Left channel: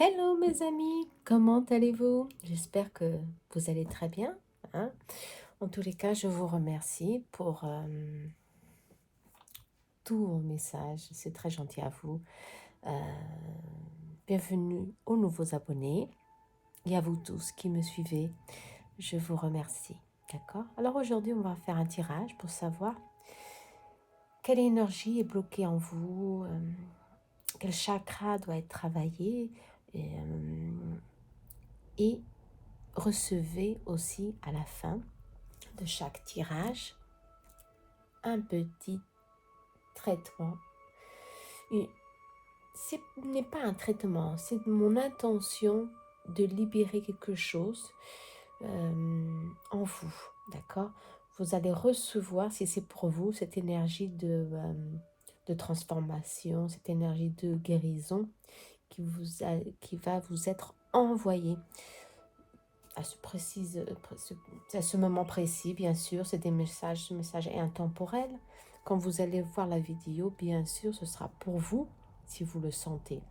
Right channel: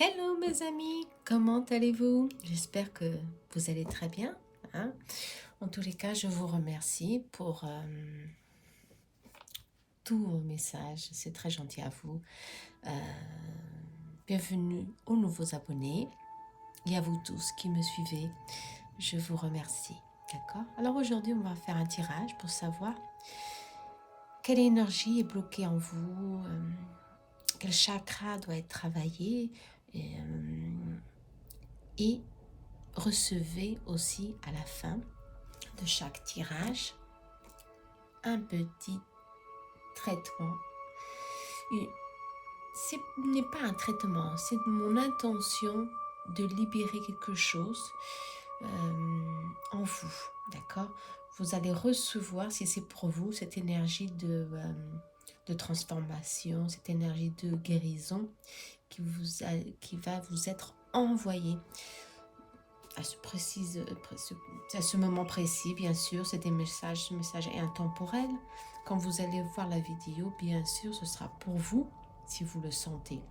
Hello mes amis, comment allez-vous? J'espère que vous allez très bien, hein. En tous les cas, je vous remercie pour tous vos messages, c'est très gentil à vous. Euh, Bienvenue aux nouveaux abonnés et à vous tous qui me suivez, je vous remercie. D'accord? Alors aujourd'hui, on va faire un tirage pour savoir quelle énergie est bloquée en vous, quel chakra doit être travaillé et recevez aussi à la fin de chaque tirage un petit traitement. Ce n'est pas un traitement, c'est mon intention de libérer quelque chose en vous, d'accord? Vous allez recevoir, si c'est pour vous, cette énergie de transformation, cette énergie de guérison qui va vous être envoyée à ce moment précis, bien sûr. C'est des messages, ce message est intemporel. Quand vous allez voir la vidéo, bien sûr, ce sera pour vous, si vous le sentez.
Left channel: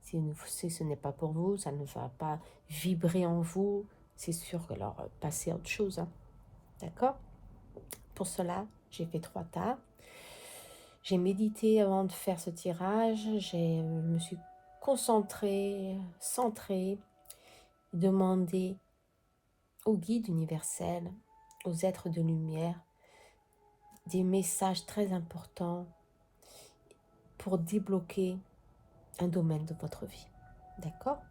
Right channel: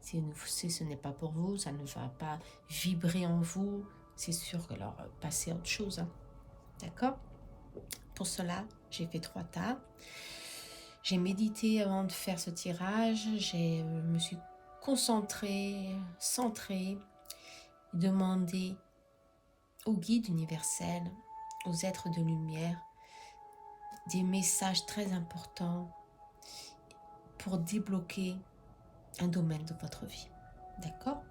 Si ce n'est pas pour vous, ça ne va pas vibrer en vous. C'est sûr que alors, passez à autre chose. Hein. D'accord? Pour cela, j'ai fait 3 tas. J'ai médité avant de faire ce tirage. Je me suis concentrée, centrée, demandé au guide universel, aux êtres de lumière, des messages très importants pour débloquer un domaine de votre vie. D'accord?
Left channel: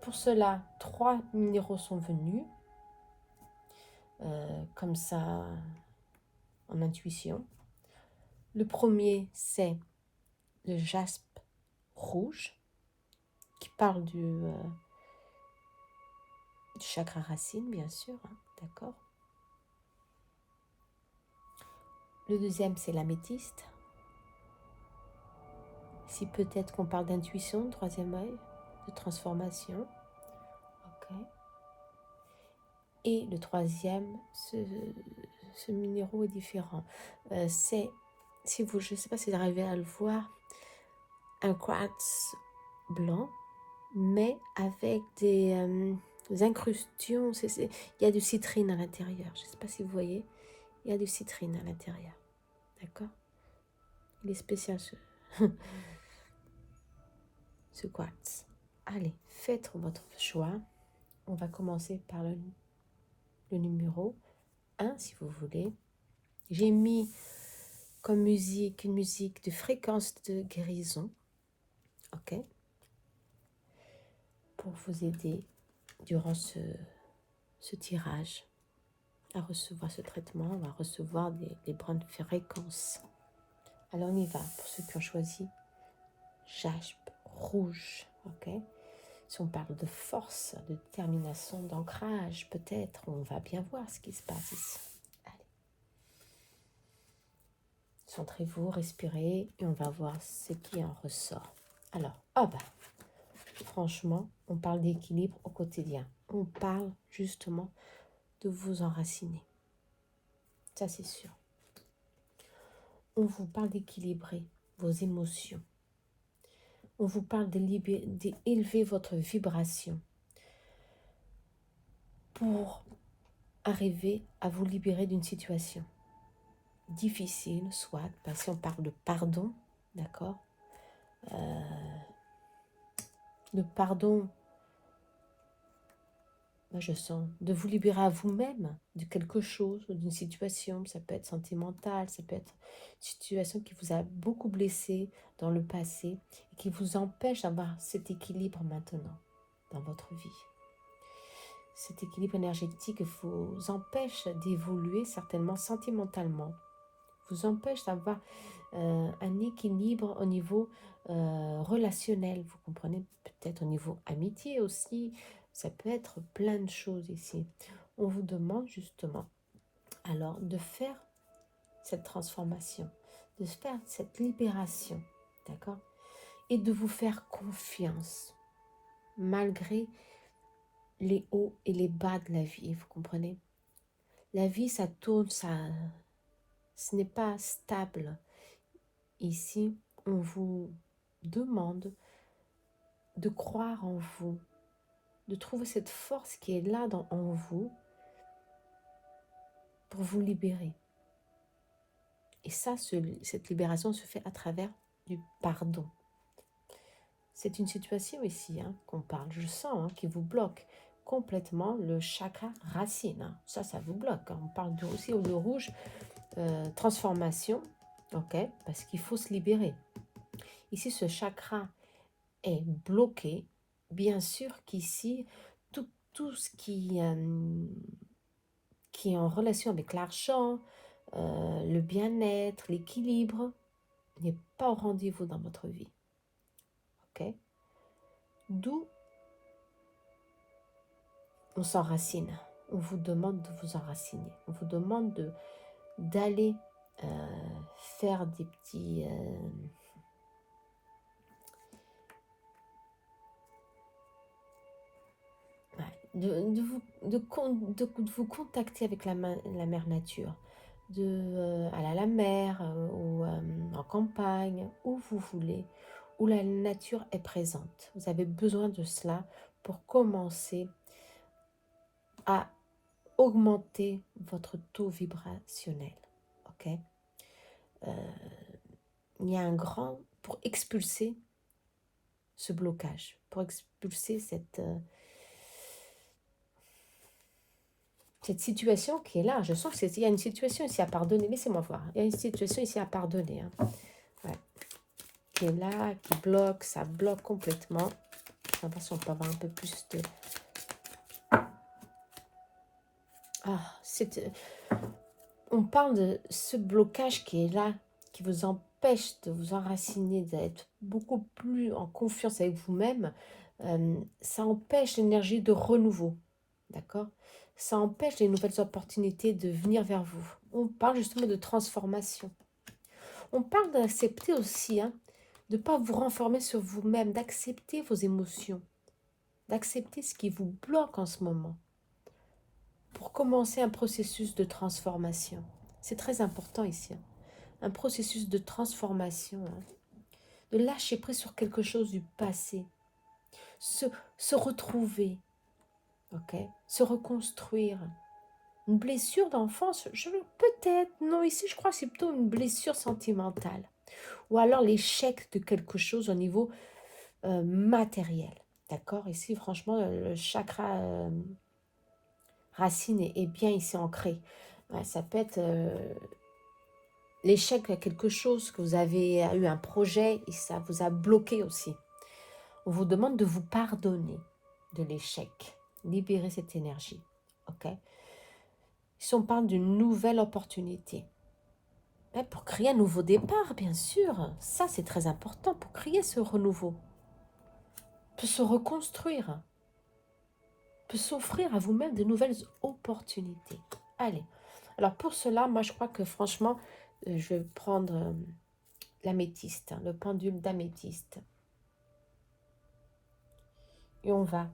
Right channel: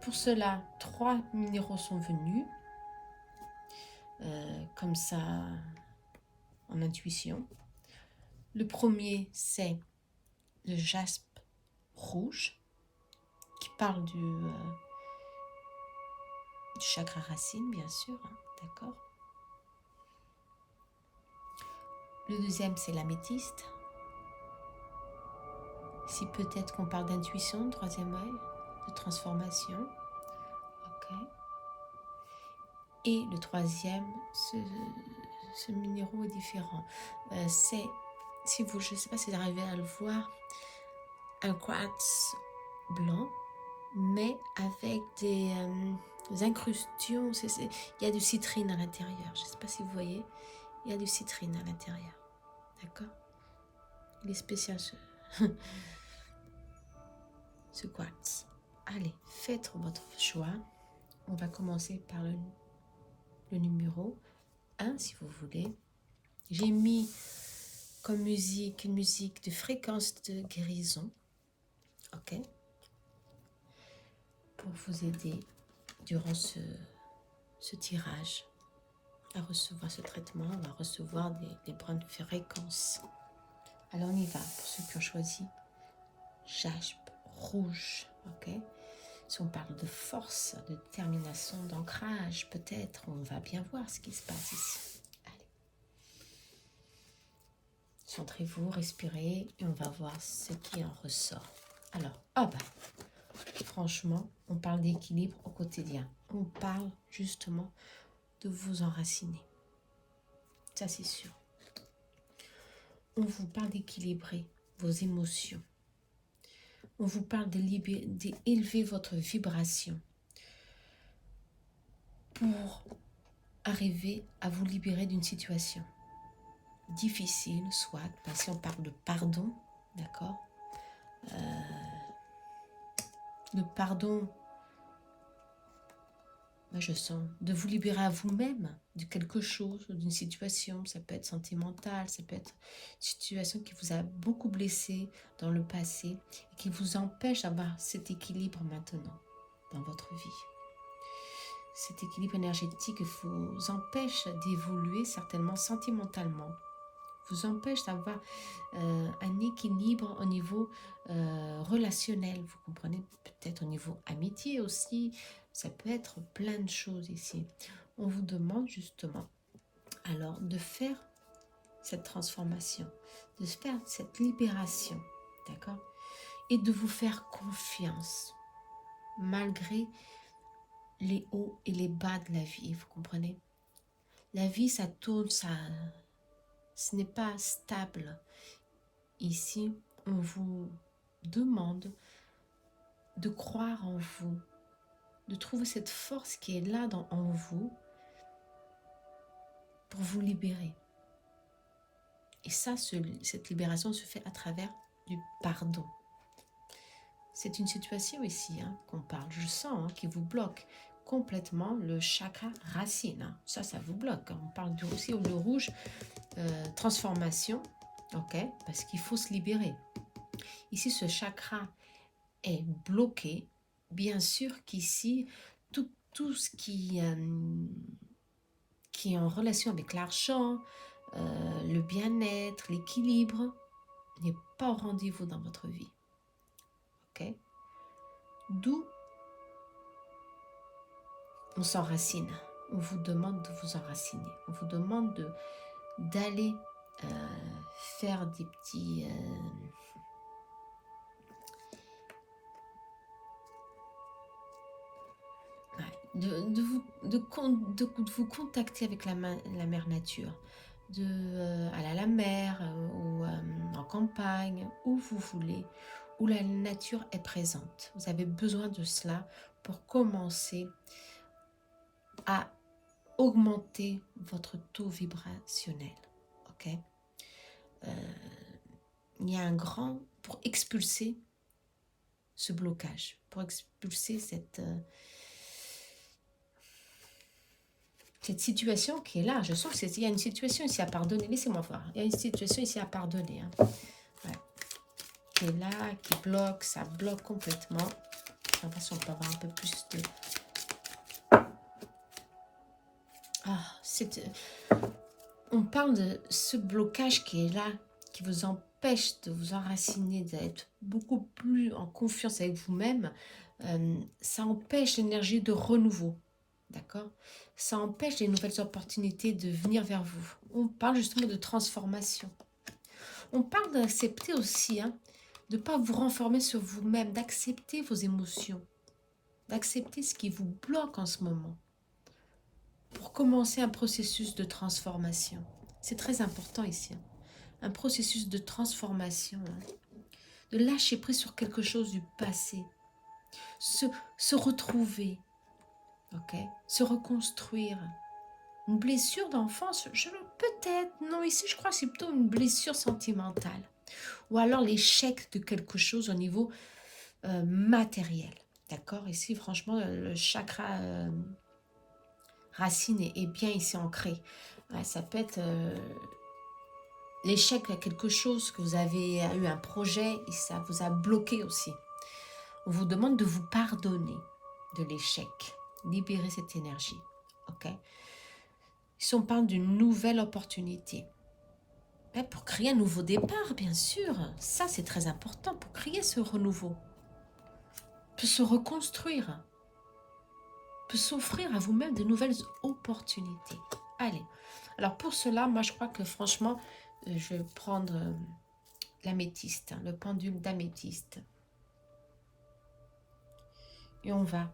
Pour cela, 3 minéraux sont venus, comme ça, en intuition. Le premier, c'est le jaspe rouge, qui parle du chakra racine, bien sûr. Hein, d'accord? Le deuxième, c'est l'améthyste. Si peut-être qu'on parle d'intuition, troisième œil, de transformation. Ok. Et le troisième, ce minéraux est différent. C'est, si vous, je ne sais pas si vous arrivez à le voir, un quartz blanc, mais avec des incrustations. Il y a du citrine à l'intérieur. Je ne sais pas si vous voyez. Il y a du citrine à l'intérieur. D'accord? Il est spécial ce quartz. Allez, faites votre choix. On va commencer par le numéro 1, si vous voulez. J'ai mis comme musique une musique de fréquence de guérison. Ok? Pour vous aider durant ce tirage à recevoir ce traitement, on va recevoir des bonnes fréquences. Alors on y va pour ceux qui ont choisi jaspe rouge. Ok? Si on parle de force, de détermination, d'ancrage, peut-être, on va bien voir ce qui se passe ici. Allez. Centrez-vous, respirez et on va voir ce qui en ressort. Alors, franchement, on parle d'équilibre au quotidien. On parle justement de vous enraciner. Ça, c'est sûr. On vous parle d'équilibrer vos émotions. On vous parle d'élever votre vibration pour arriver à vous libérer d'une situation difficile, soit, si on parle de pardon, d'accord? Le pardon, moi je sens, de vous libérer à vous-même de quelque chose ou d'une situation, ça peut être sentimental, ça peut être une situation qui vous a beaucoup blessé dans le passé et qui vous empêche d'avoir cet équilibre maintenant dans votre vie. Cet équilibre énergétique vous empêche d'évoluer certainement sentimentalement, vous empêche d'avoir un équilibre au niveau relationnel, vous comprenez, peut-être au niveau amitié aussi, ça peut être plein de choses ici. On vous demande justement alors de faire cette transformation, de faire cette libération, d'accord, et de vous faire confiance malgré les hauts et les bas de la vie, vous comprenez. La vie, ça tourne, ce n'est pas stable. Ici, on vous demande de croire en vous, de trouver cette force qui est là en vous pour vous libérer. Et ça, cette libération se fait à travers du pardon. C'est une situation ici qu'on parle, je sens, qui vous bloque complètement le chakra racine. Ça vous bloque. On parle aussi le rouge, transformation, ok, parce qu'il faut se libérer. Ici, ce chakra est bloqué. Bien sûr qu'ici, tout ce qui est en relation avec l'argent, le bien-être, l'équilibre, n'est pas au rendez-vous dans votre vie. Ok? D'où on s'enracine. On vous demande de vous enraciner. On vous demande d'aller faire des petits... de vous contacter avec la mère nature, aller à la mer ou en campagne, où vous voulez, où la nature est présente. Vous avez besoin de cela pour commencer à augmenter votre taux vibrationnel. Ok? Il y a un grand... pour expulser ce blocage, pour expulser cette situation qui est là. Je sens qu'il y a une situation ici à pardonner. Laissez-moi voir. Il y a une situation ici à pardonner. Ouais. Qui est là, qui bloque. Ça bloque complètement. On va si on peut avoir un peu plus de... On parle de ce blocage qui est là, qui vous empêche de vous enraciner, d'être beaucoup plus en confiance avec vous-même. Ça empêche l'énergie de renouveau. D'accord? Ça empêche les nouvelles opportunités de venir vers vous. On parle justement de transformation. On parle d'accepter aussi, de ne pas vous renfermer sur vous-même, d'accepter vos émotions, d'accepter ce qui vous bloque en ce moment, pour commencer un processus de transformation. C'est très important ici. Un processus de transformation, de lâcher prise sur quelque chose du passé, se retrouver, ok, se reconstruire. Une blessure d'enfance, peut-être, non, ici je crois que c'est plutôt une blessure sentimentale. Ou alors l'échec de quelque chose au niveau matériel. D'accord? Ici, franchement, le chakra racine est bien ici ancré. Ça peut être l'échec à quelque chose, que vous avez eu un projet et ça vous a bloqué aussi. On vous demande de vous pardonner de l'échec. Libérer cette énergie. Ok? Ici, on parle d'une nouvelle opportunité. Pour créer un nouveau départ, bien sûr. Ça, c'est très important pour créer ce renouveau. Peut se reconstruire. Peut s'offrir à vous-même de nouvelles opportunités. Allez. Alors, pour cela, moi, je crois que franchement, je vais prendre l'améthyste, le pendule d'améthyste. Et on va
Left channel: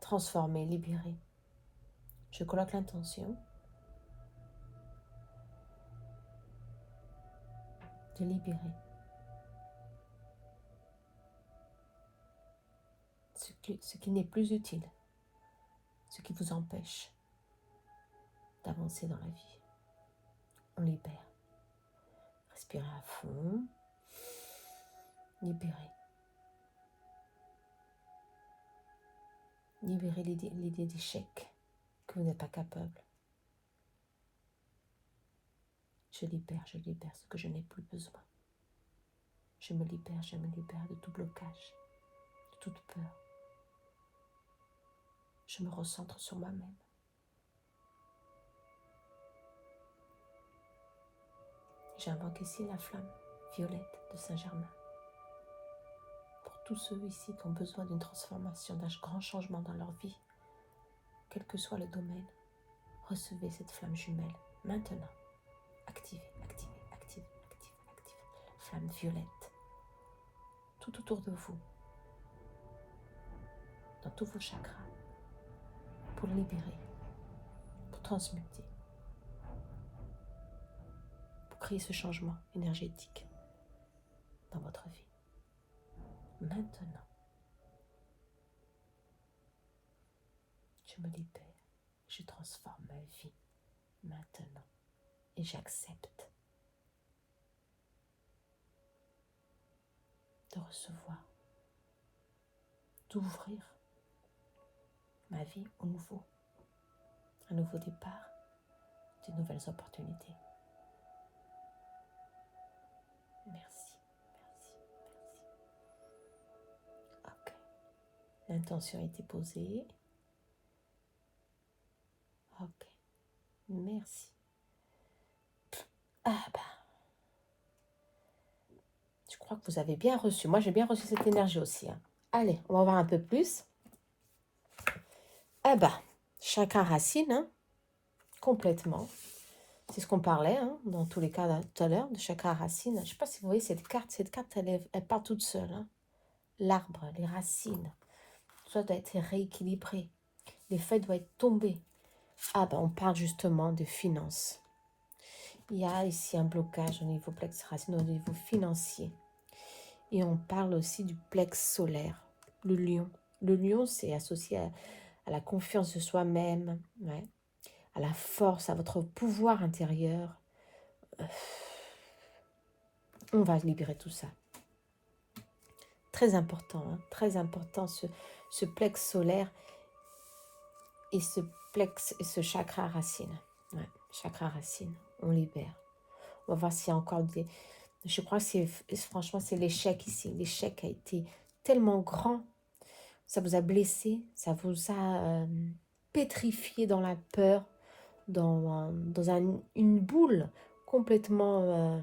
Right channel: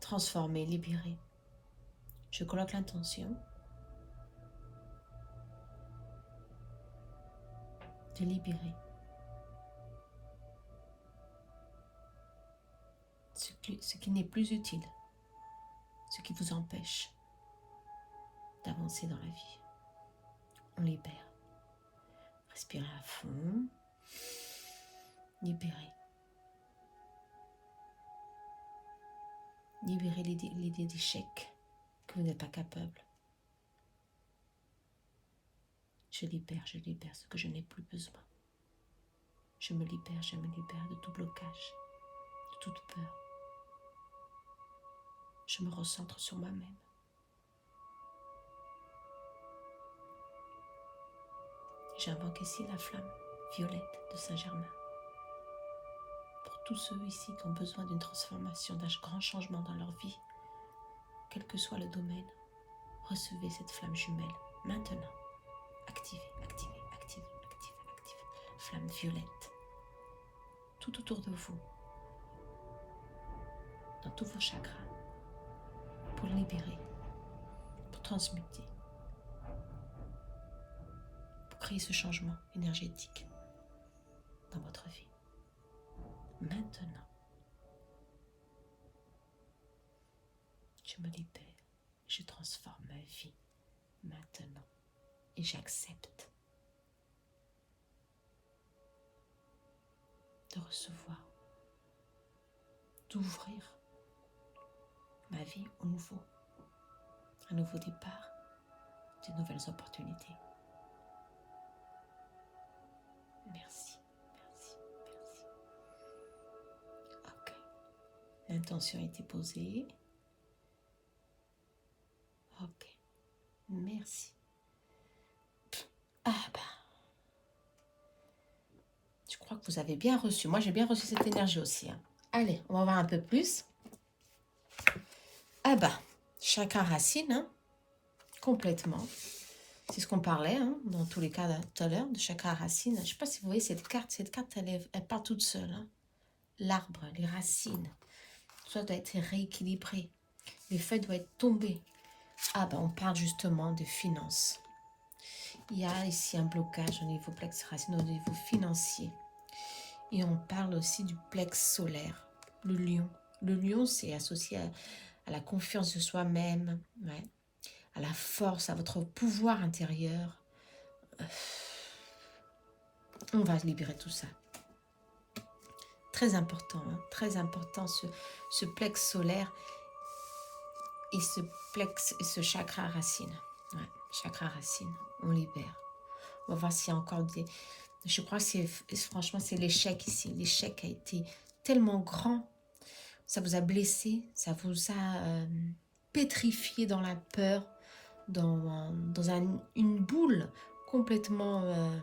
transformer, libérer. Je colloque l'intention de libérer ce qui n'est plus utile, ce qui vous empêche d'avancer dans la vie. On libère. Respirez à fond. Libérez. Libérez l'idée d'échec, que vous n'êtes pas capable. Je libère ce que je n'ai plus besoin. Je me libère de tout blocage, de toute peur. Je me recentre sur moi-même. J'invoque ici la flamme violette de Saint-Germain. Pour tous ceux ici qui ont besoin d'une transformation, d'un grand changement dans leur vie, quel que soit le domaine, recevez cette flamme jumelle maintenant. Activez. Flamme violette. Tout autour de vous, dans tous vos chakras, pour libérer, pour transmuter, pour créer ce changement énergétique dans votre vie. Maintenant. Je me libère. Je transforme ma vie maintenant. Et j'accepte de recevoir, d'ouvrir ma vie au nouveau, un nouveau départ, de nouvelles opportunités. Merci, merci, merci. Ok, l'intention a été posée. Ok, merci. Ah ben, je crois que vous avez bien reçu. Moi, j'ai bien reçu cette énergie aussi. Hein. Allez, on va voir un peu plus. Ah ben, chakra racine, hein, complètement. C'est ce qu'on parlait, hein, dans tous les cas tout à l'heure, de chakra racine. Je ne sais pas si vous voyez cette carte. Cette carte, elle part toute seule. Hein. L'arbre, les racines, tout ça doit être rééquilibré. Les feuilles doivent être tombées. Ah ben, on parle justement des finances. Il y a ici un blocage au niveau plex racine, au niveau financier. Et on parle aussi du plex solaire, le lion. Le lion, c'est associé à la confiance de soi-même, ouais, à la force, à votre pouvoir intérieur. On va libérer tout ça. Très important, ce plex solaire et ce chakra racine. Ouais, chakra racine, on libère. On va voir s'il y a encore des... Je crois que franchement, c'est l'échec ici. L'échec a été tellement grand. Ça vous a blessé, ça vous a pétrifié dans la peur, dans une boule complètement...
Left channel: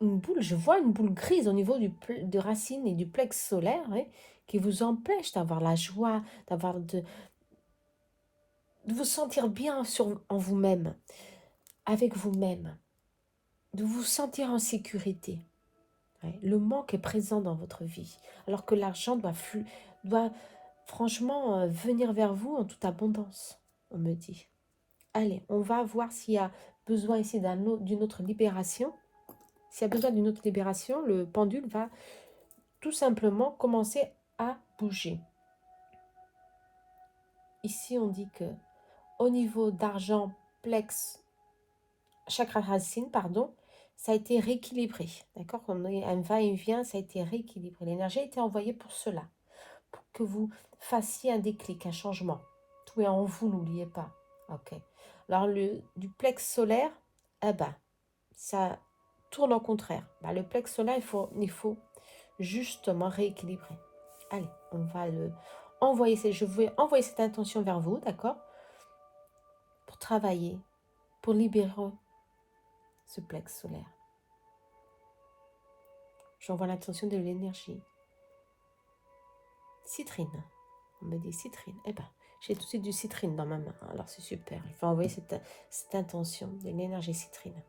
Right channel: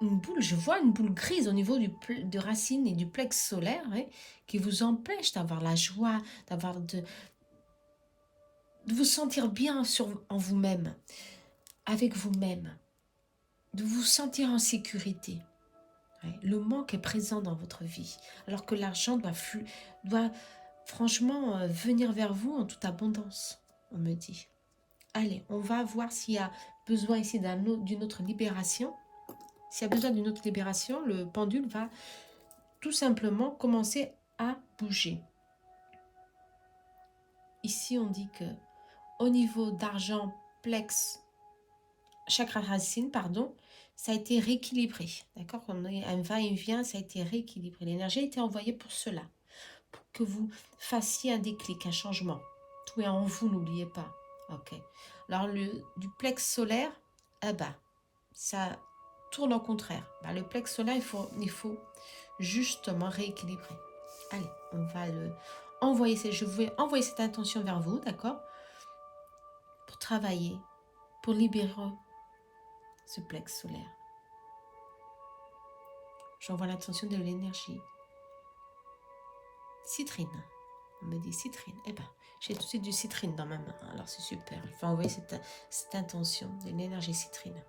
une boule, je vois une boule grise au niveau de racine et du plex solaire, ouais, qui vous empêche d'avoir la joie, de vous sentir bien en vous-même, avec vous-même, de vous sentir en sécurité. Ouais, le manque est présent dans votre vie, alors que l'argent doit franchement venir vers vous en toute abondance, on me dit. Allez, on va voir s'il y a besoin ici d'une autre libération. S'il y a besoin d'une autre libération, le pendule va tout simplement commencer à bouger. Ici, on dit que au niveau d'argent, plex, chakra racine, pardon, ça a été rééquilibré. D'accord? On a un va-et-vient, ça a été rééquilibré. L'énergie a été envoyée pour cela, pour que vous fassiez un déclic, un changement. Tout est en vous, n'oubliez pas. Ok. Alors, du plex solaire, ah bah, ça tourne au contraire. Bah, le plex solaire, il faut justement rééquilibrer. Allez, on va je vais envoyer cette intention vers vous, d'accord? Pour travailler, pour libérer ce plex solaire. J'envoie l'intention de l'énergie. Citrine. On me dit citrine. Eh ben, j'ai tout de suite du citrine dans ma main. Alors c'est super. Je vais envoyer cette intention de l'énergie citrine.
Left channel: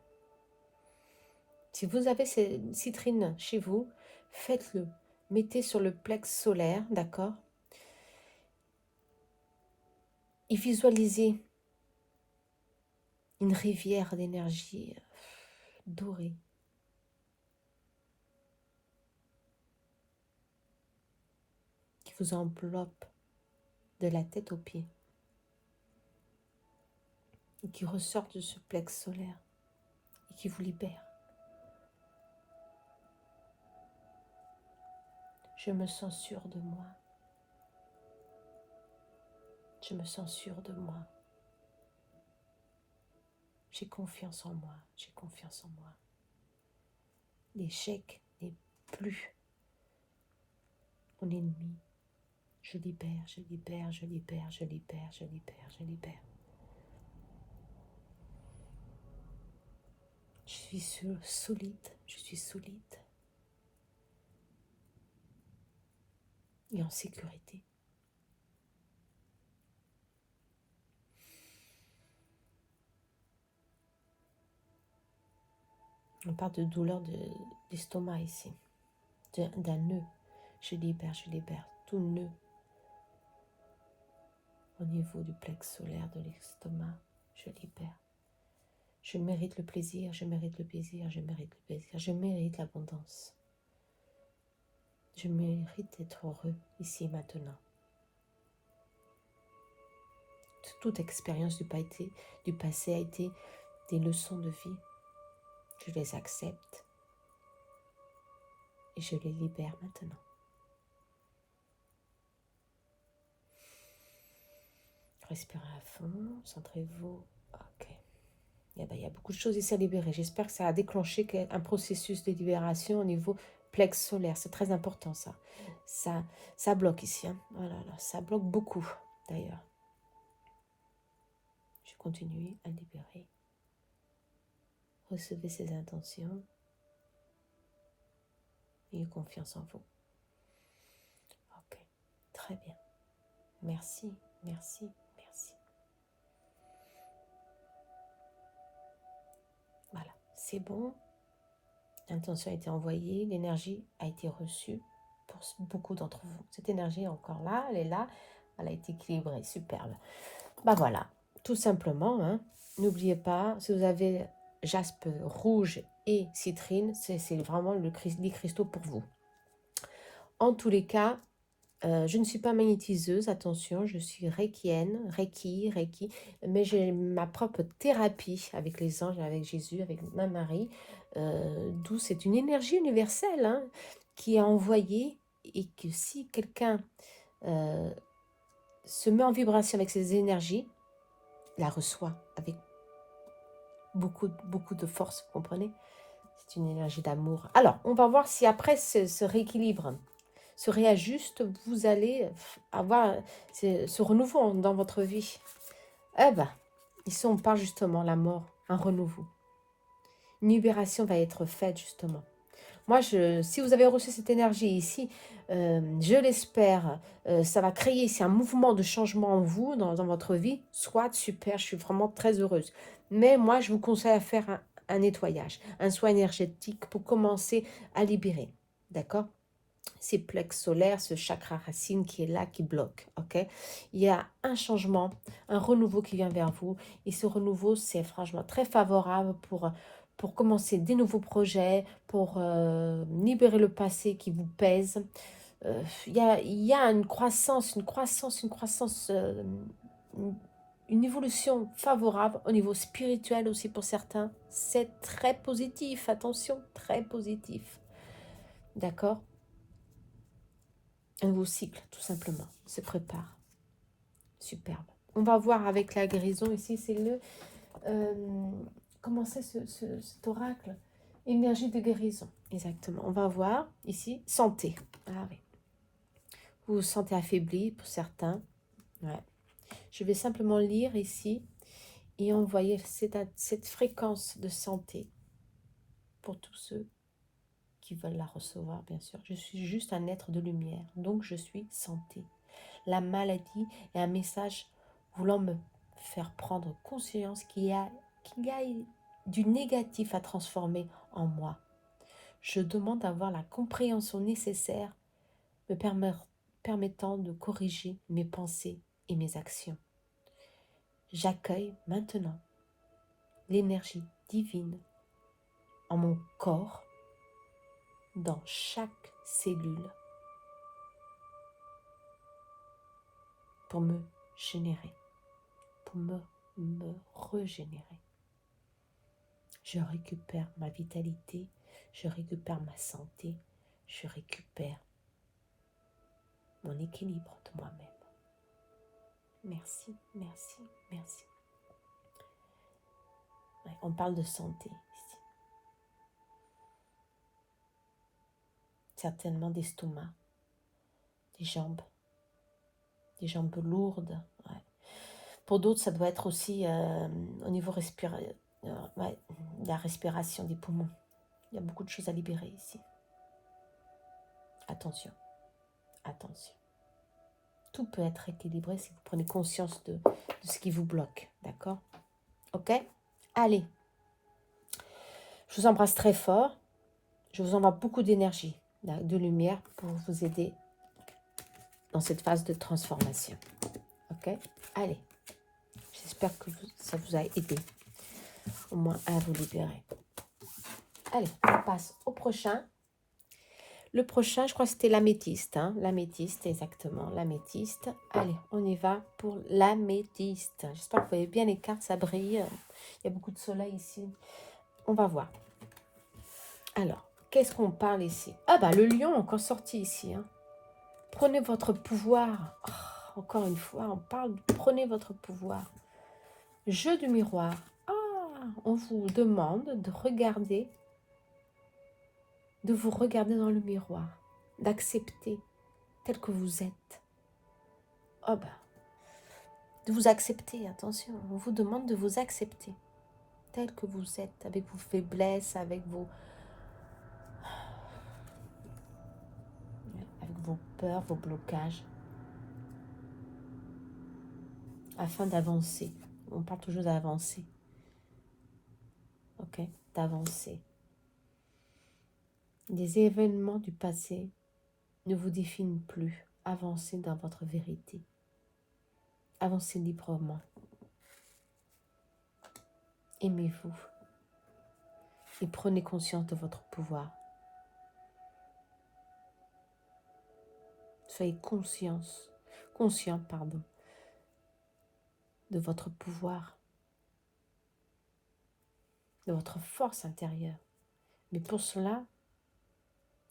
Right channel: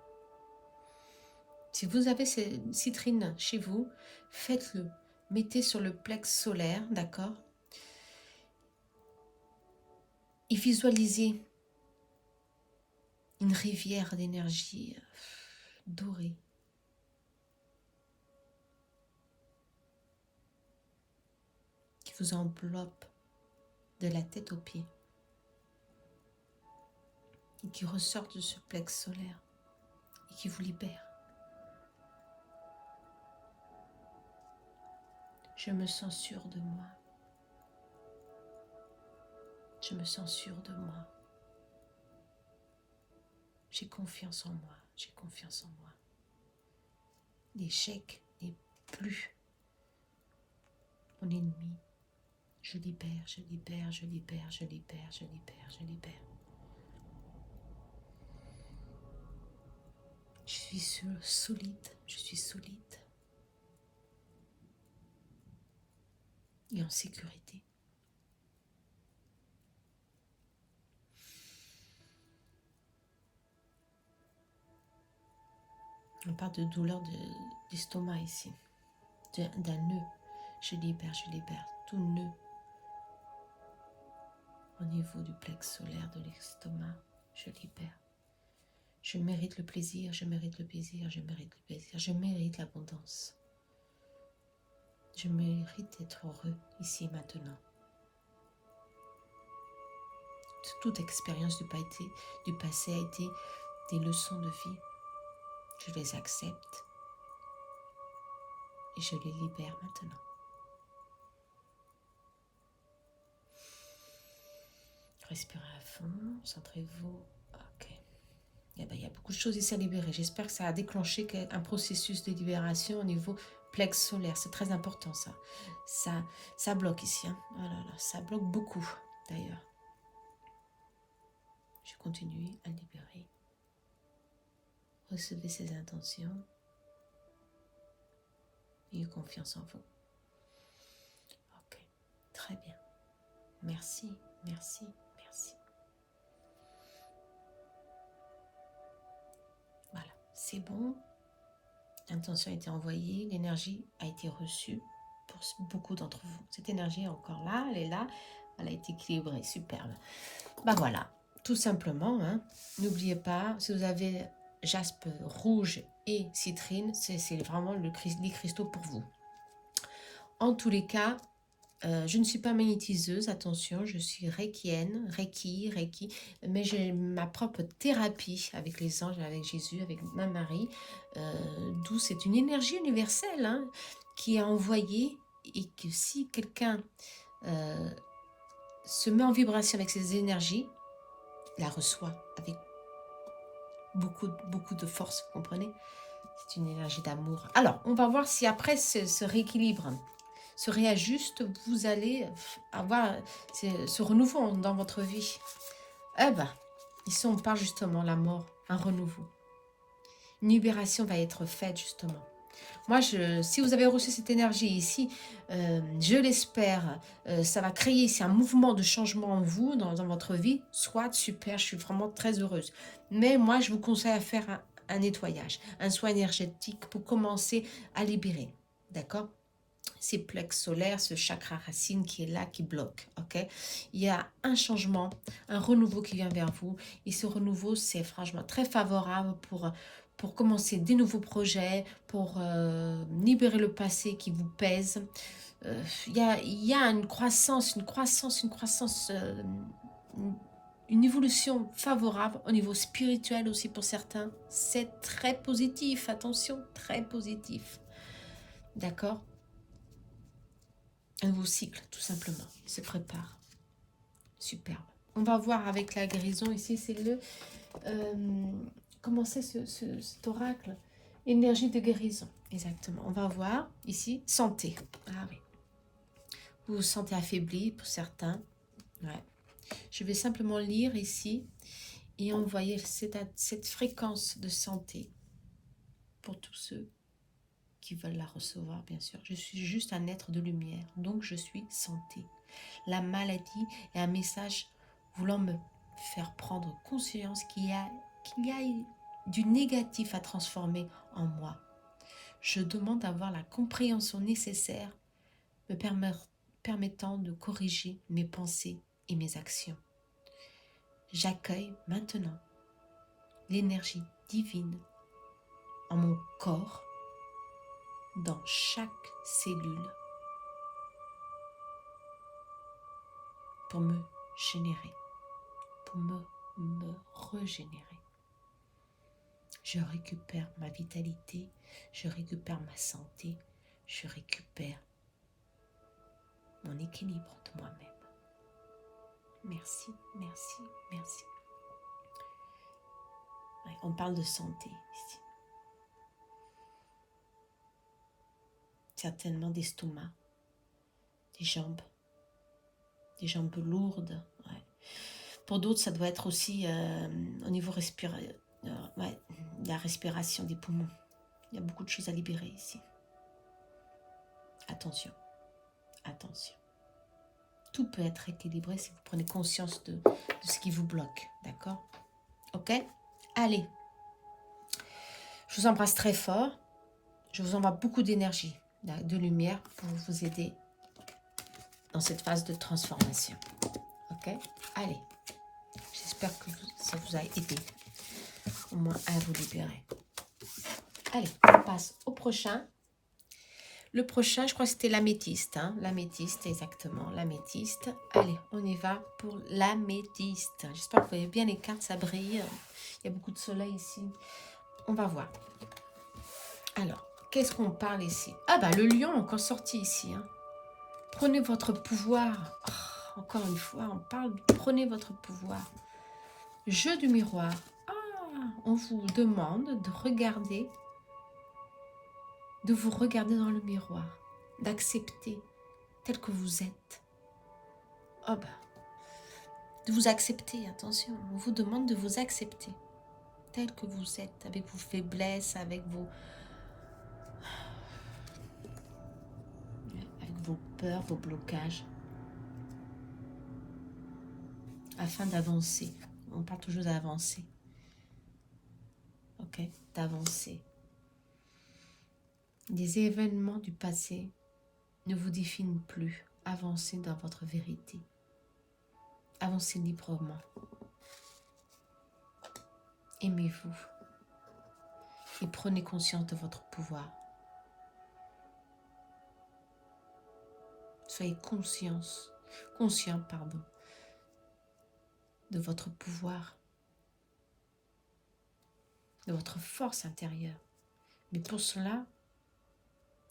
Si vous avez cette citrine chez vous, faites-le. Mettez sur le plex solaire, d'accord? Et visualisez une rivière d'énergie dorée. Qui vous enveloppe de la tête aux pieds. Et qui ressort de ce plex solaire. Et qui vous libère. Je me sens sûre de moi. Je me sens sûre de moi. J'ai confiance en moi. J'ai confiance en moi. L'échec n'est plus mon ennemi. Je libère, je libère, je libère, je libère, je libère, je libère. Je suis solide, je suis solide. Et en sécurité. On parle de douleur d'estomac ici, d'un nœud. Je libère tout nœud au niveau du plex solaire de l'estomac. Je libère. Je mérite le plaisir, je mérite le plaisir, je mérite le plaisir, je mérite l'abondance. Je mérite d'être heureux ici et maintenant. toute expérience du passé a été des leçons de vie. Je les accepte et je les libère maintenant. Respirez à fond, centrez-vous. Ok. Eh ben, il y a beaucoup de choses ici à libérer. J'espère que ça a déclenché un processus de libération au niveau plexus solaire. C'est très important ça. Ça bloque ici. Hein. Oh là là, ça bloque beaucoup d'ailleurs. Je continue à libérer. Recevez ces intentions. Ayez confiance en vous. Ok, très bien. Merci, merci, merci. Voilà, c'est bon. L'intention a été envoyée, l'énergie a été reçue pour beaucoup d'entre vous. Cette énergie est encore là, elle est là, elle a été équilibrée, superbe. Bah voilà, tout simplement, hein. N'oubliez pas, si vous avez jaspe rouge et citrine, c'est vraiment les cristaux pour vous. En tous les cas, je ne suis pas magnétiseuse, attention, je suis reikienne, reiki, mais j'ai ma propre thérapie avec les anges, avec Jésus, avec ma Marie, d'où c'est une énergie universelle hein, qui est envoyée et que si quelqu'un se met en vibration avec ces énergies, la reçoit avec beaucoup de force, vous comprenez? C'est une énergie d'amour. Alors, on va voir si après ce rééquilibre se réajuste, vous allez avoir ce renouveau dans votre vie. Eh bien, ici on parle justement la mort, un renouveau. Une libération va être faite justement. Moi, si vous avez reçu cette énergie ici, je l'espère, ça va créer ici un mouvement de changement en vous, dans votre vie. Soit, super, je suis vraiment très heureuse. Mais moi, je vous conseille à faire un nettoyage, un soin énergétique pour commencer à libérer. D'accord ? Ces plexes solaires, ce chakra racine qui est là, qui bloque. Ok, il y a un changement, un renouveau qui vient vers vous. Et ce renouveau, c'est franchement très favorable pour commencer des nouveaux projets, pour libérer le passé qui vous pèse. Il y a une croissance, une évolution favorable au niveau spirituel aussi pour certains. C'est très positif, attention, très positif. D'accord ? Un nouveau cycle, tout simplement, se prépare. Superbe. On va voir avec la guérison ici, c'est comment c'est cet oracle? Énergie de guérison, exactement. On va voir ici, santé. Ah oui. Vous vous sentez affaibli pour certains. Ouais. Je vais simplement lire ici et envoyer cette fréquence de santé pour tous ceux qui veulent la recevoir, bien sûr. Je suis juste un être de lumière, donc je suis santé. La maladie est un message voulant me faire prendre conscience qu'il y a du négatif à transformer en moi. Je demande d'avoir la compréhension nécessaire me permettant de corriger mes pensées et mes actions. J'accueille maintenant l'énergie divine en mon corps, dans chaque cellule, pour me générer, pour me régénérer. Je récupère ma vitalité, je récupère ma santé, je récupère mon équilibre de moi-même. Merci, merci, merci. Ouais, on parle de santé ici. Certainement d'estomac, des jambes lourdes. Ouais. Pour d'autres, ça doit être aussi au niveau de la respiration des poumons. Il y a beaucoup de choses à libérer ici. Attention, attention. Tout peut être équilibré si vous prenez conscience de ce qui vous bloque. D'accord ? Ok ? Allez. Je vous embrasse très fort. Je vous envoie beaucoup d'énergie, de lumière pour vous aider dans cette phase de transformation. Ok ? Allez. J'espère que ça vous a aidé au moins à vous libérer. Allez, on passe au prochain. Le prochain, je crois que c'était l'améthyste. Hein, l'améthyste, exactement. L'améthyste. Allez, on y va pour l'améthyste. J'espère que vous voyez bien les cartes, ça brille. Il y a beaucoup de soleil ici. On va voir. Alors, qu'est-ce qu'on parle ici? Ah bah, le lion, encore sorti ici. Hein. Prenez votre pouvoir. Oh, encore une fois, on parle de prenez votre pouvoir. Jeu du miroir. Ah, on vous demande de regarder, de vous regarder dans le miroir, d'accepter tel que vous êtes. Oh bah, de vous accepter, attention, on vous demande de vous accepter tel que vous êtes, avec vos faiblesses, avec vos peurs, vos blocages, afin d'avancer. On parle toujours d'avancer, ok? D'avancer. Les événements du passé ne vous définissent plus. Avancez dans votre vérité. Avancez librement. Aimez-vous et prenez conscience de votre pouvoir. Soyez conscient, de votre pouvoir, de votre force intérieure. Mais pour cela,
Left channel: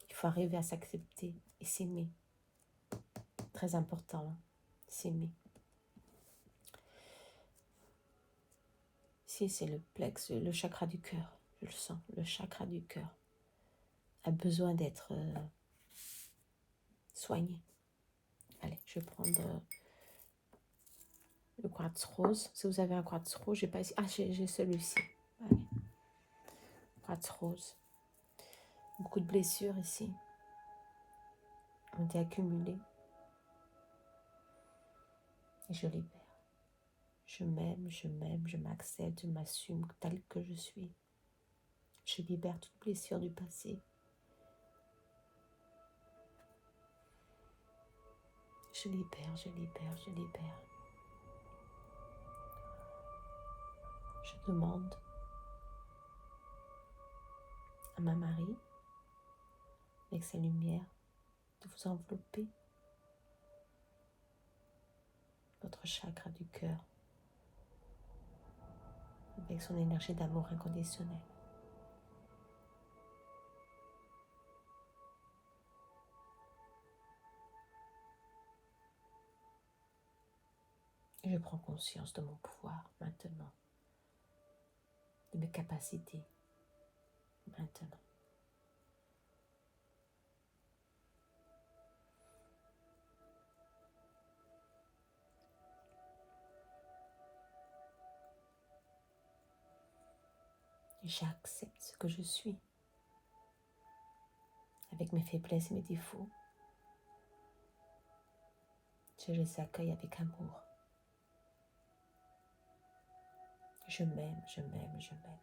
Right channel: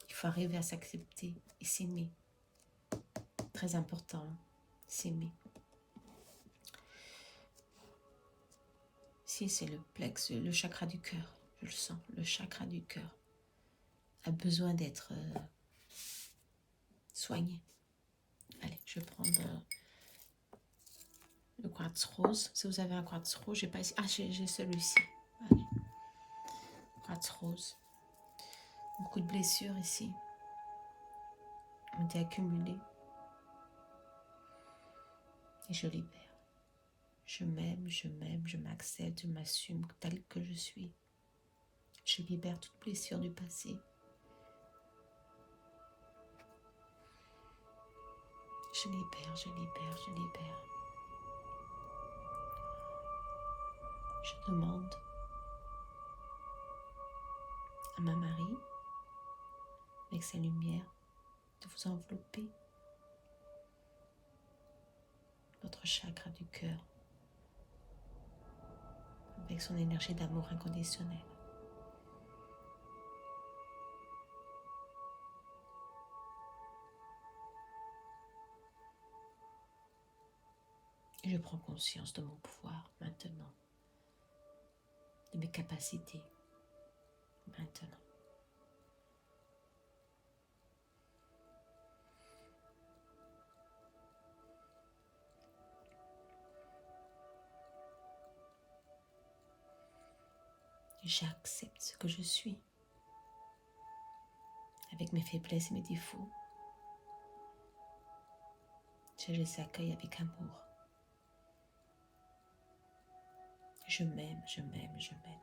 il faut arriver à s'accepter et s'aimer. Très important, hein, s'aimer. Si c'est le plexe, le chakra du cœur, je le sens, le chakra du cœur a besoin d'être soigné. Allez, je vais prendre le quartz rose. Si vous avez un quartz rose, j'ai pas ici. Ah, j'ai celui-ci. Allez, quartz rose. Beaucoup de blessures ici ont été accumulées. Et je libère. Je m'aime, je m'accepte, je m'assume tel que je suis. Je libère toute blessure du passé. Je libère, je libère, je libère. Je demande à ma Marie, avec sa lumière, de vous envelopper votre chakra du cœur avec son énergie d'amour inconditionnel. Et je prends conscience de mon pouvoir maintenant, de mes capacités maintenant. J'accepte ce que je suis, avec mes faiblesses et mes défauts. Je les accueille avec amour. Je m'aime, je m'aime, je m'aime.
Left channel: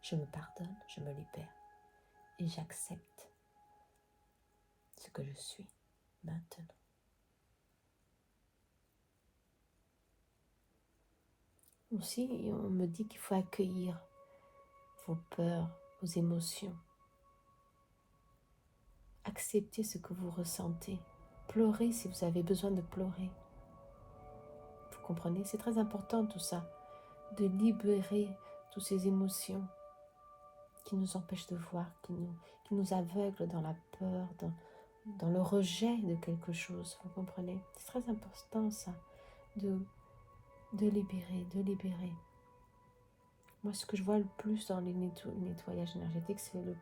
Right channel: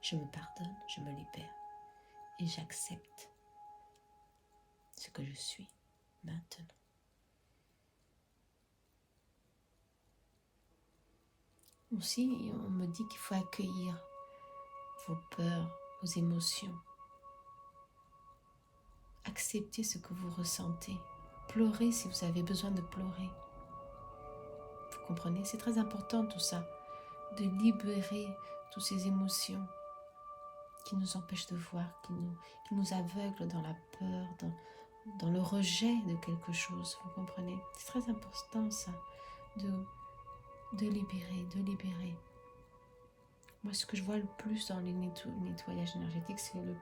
Je me pardonne, je me libère. Et j'accepte ce que je suis maintenant. Aussi, on me dit qu'il faut accueillir vos peurs, vos émotions. Acceptez ce que vous ressentez. Pleurez si vous avez besoin de pleurer. Vous comprenez? C'est très important tout ça, de libérer toutes ces émotions qui nous empêchent de voir, qui nous aveuglent dans la peur, dans le rejet de quelque chose. Vous comprenez? C'est très important ça, de libérer, de libérer. Moi, ce que je vois le plus dans les nettoyages énergétiques, c'est le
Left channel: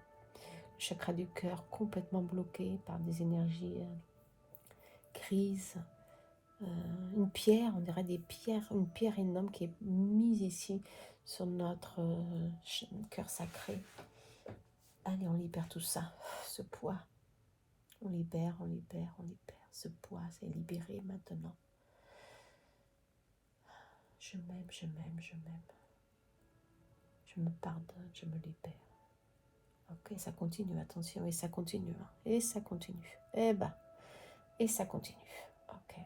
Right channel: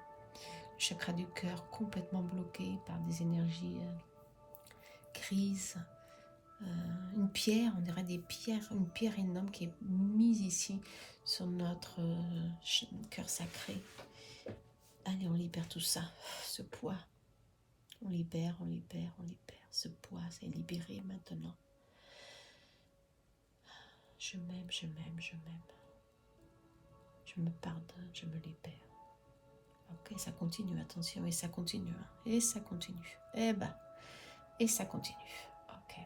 chakra du cœur complètement bloqué par des énergies grises. Une pierre, on dirait des pierres, une pierre énorme qui est mise ici sur notre cœur sacré. Allez, on libère tout ça, ce poids. On libère, on libère, on libère. Ce poids, c'est libéré maintenant. Je m'aime, je m'aime, je m'aime. Je me pardonne, je me libère. Ok, ça continue, attention, et ça continue, hein, et ça continue. Et ça continue. Ok.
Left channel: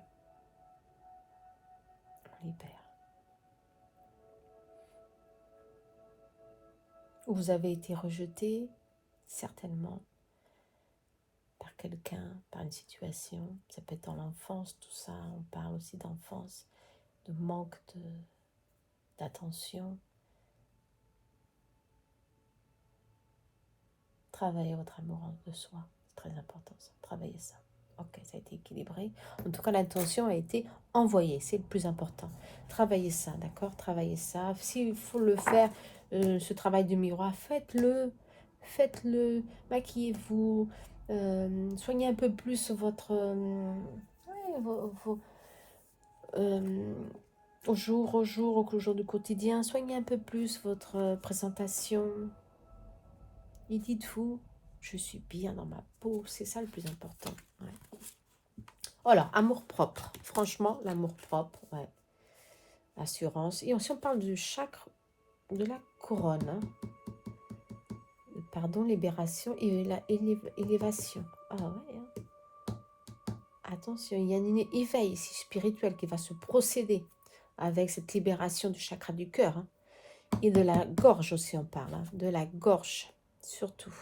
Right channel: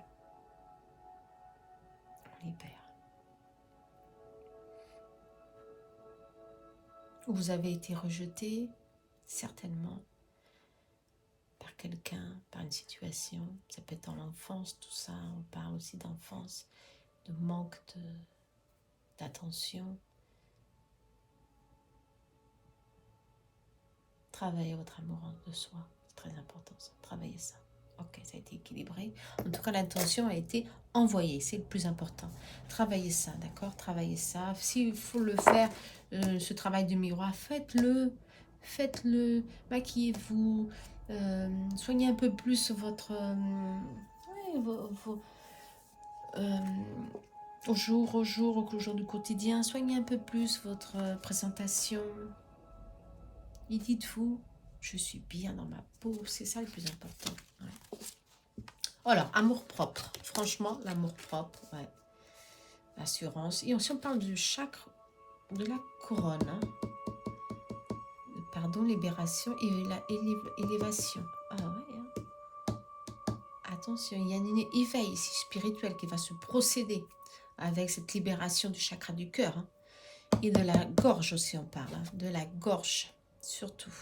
On libère. Vous avez été rejeté, certainement, quelqu'un, par une situation. Ça peut être dans l'enfance, tout ça. On parle aussi d'enfance, de manque d'attention. Travaillez votre amour de soi. C'est très important, ça. Travaillez ça. Ok, ça a été équilibré. En tout cas, l'intention a été envoyée. C'est le plus important. Travaillez ça, d'accord? Travaillez ça. S'il faut le faire, ce travail de miroir, faites-le. Faites-le. Maquillez-vous. Soignez un peu plus votre... ouais, au jour du quotidien. Soignez un peu plus votre présentation. Et dites-vous, je suis bien dans ma peau. C'est ça le plus important. Ouais. Voilà, amour-propre. Franchement, l'amour-propre, ouais. Assurance. Et aussi, on parle du chakra de la couronne. Hein. Pardon, libération et la élévation. Ah ouais. Hein. Attention, il y a un éveil ici spirituel qui va se procéder avec cette libération du chakra du cœur. Hein. Et de la gorge aussi, on parle. Hein. De la gorge, surtout.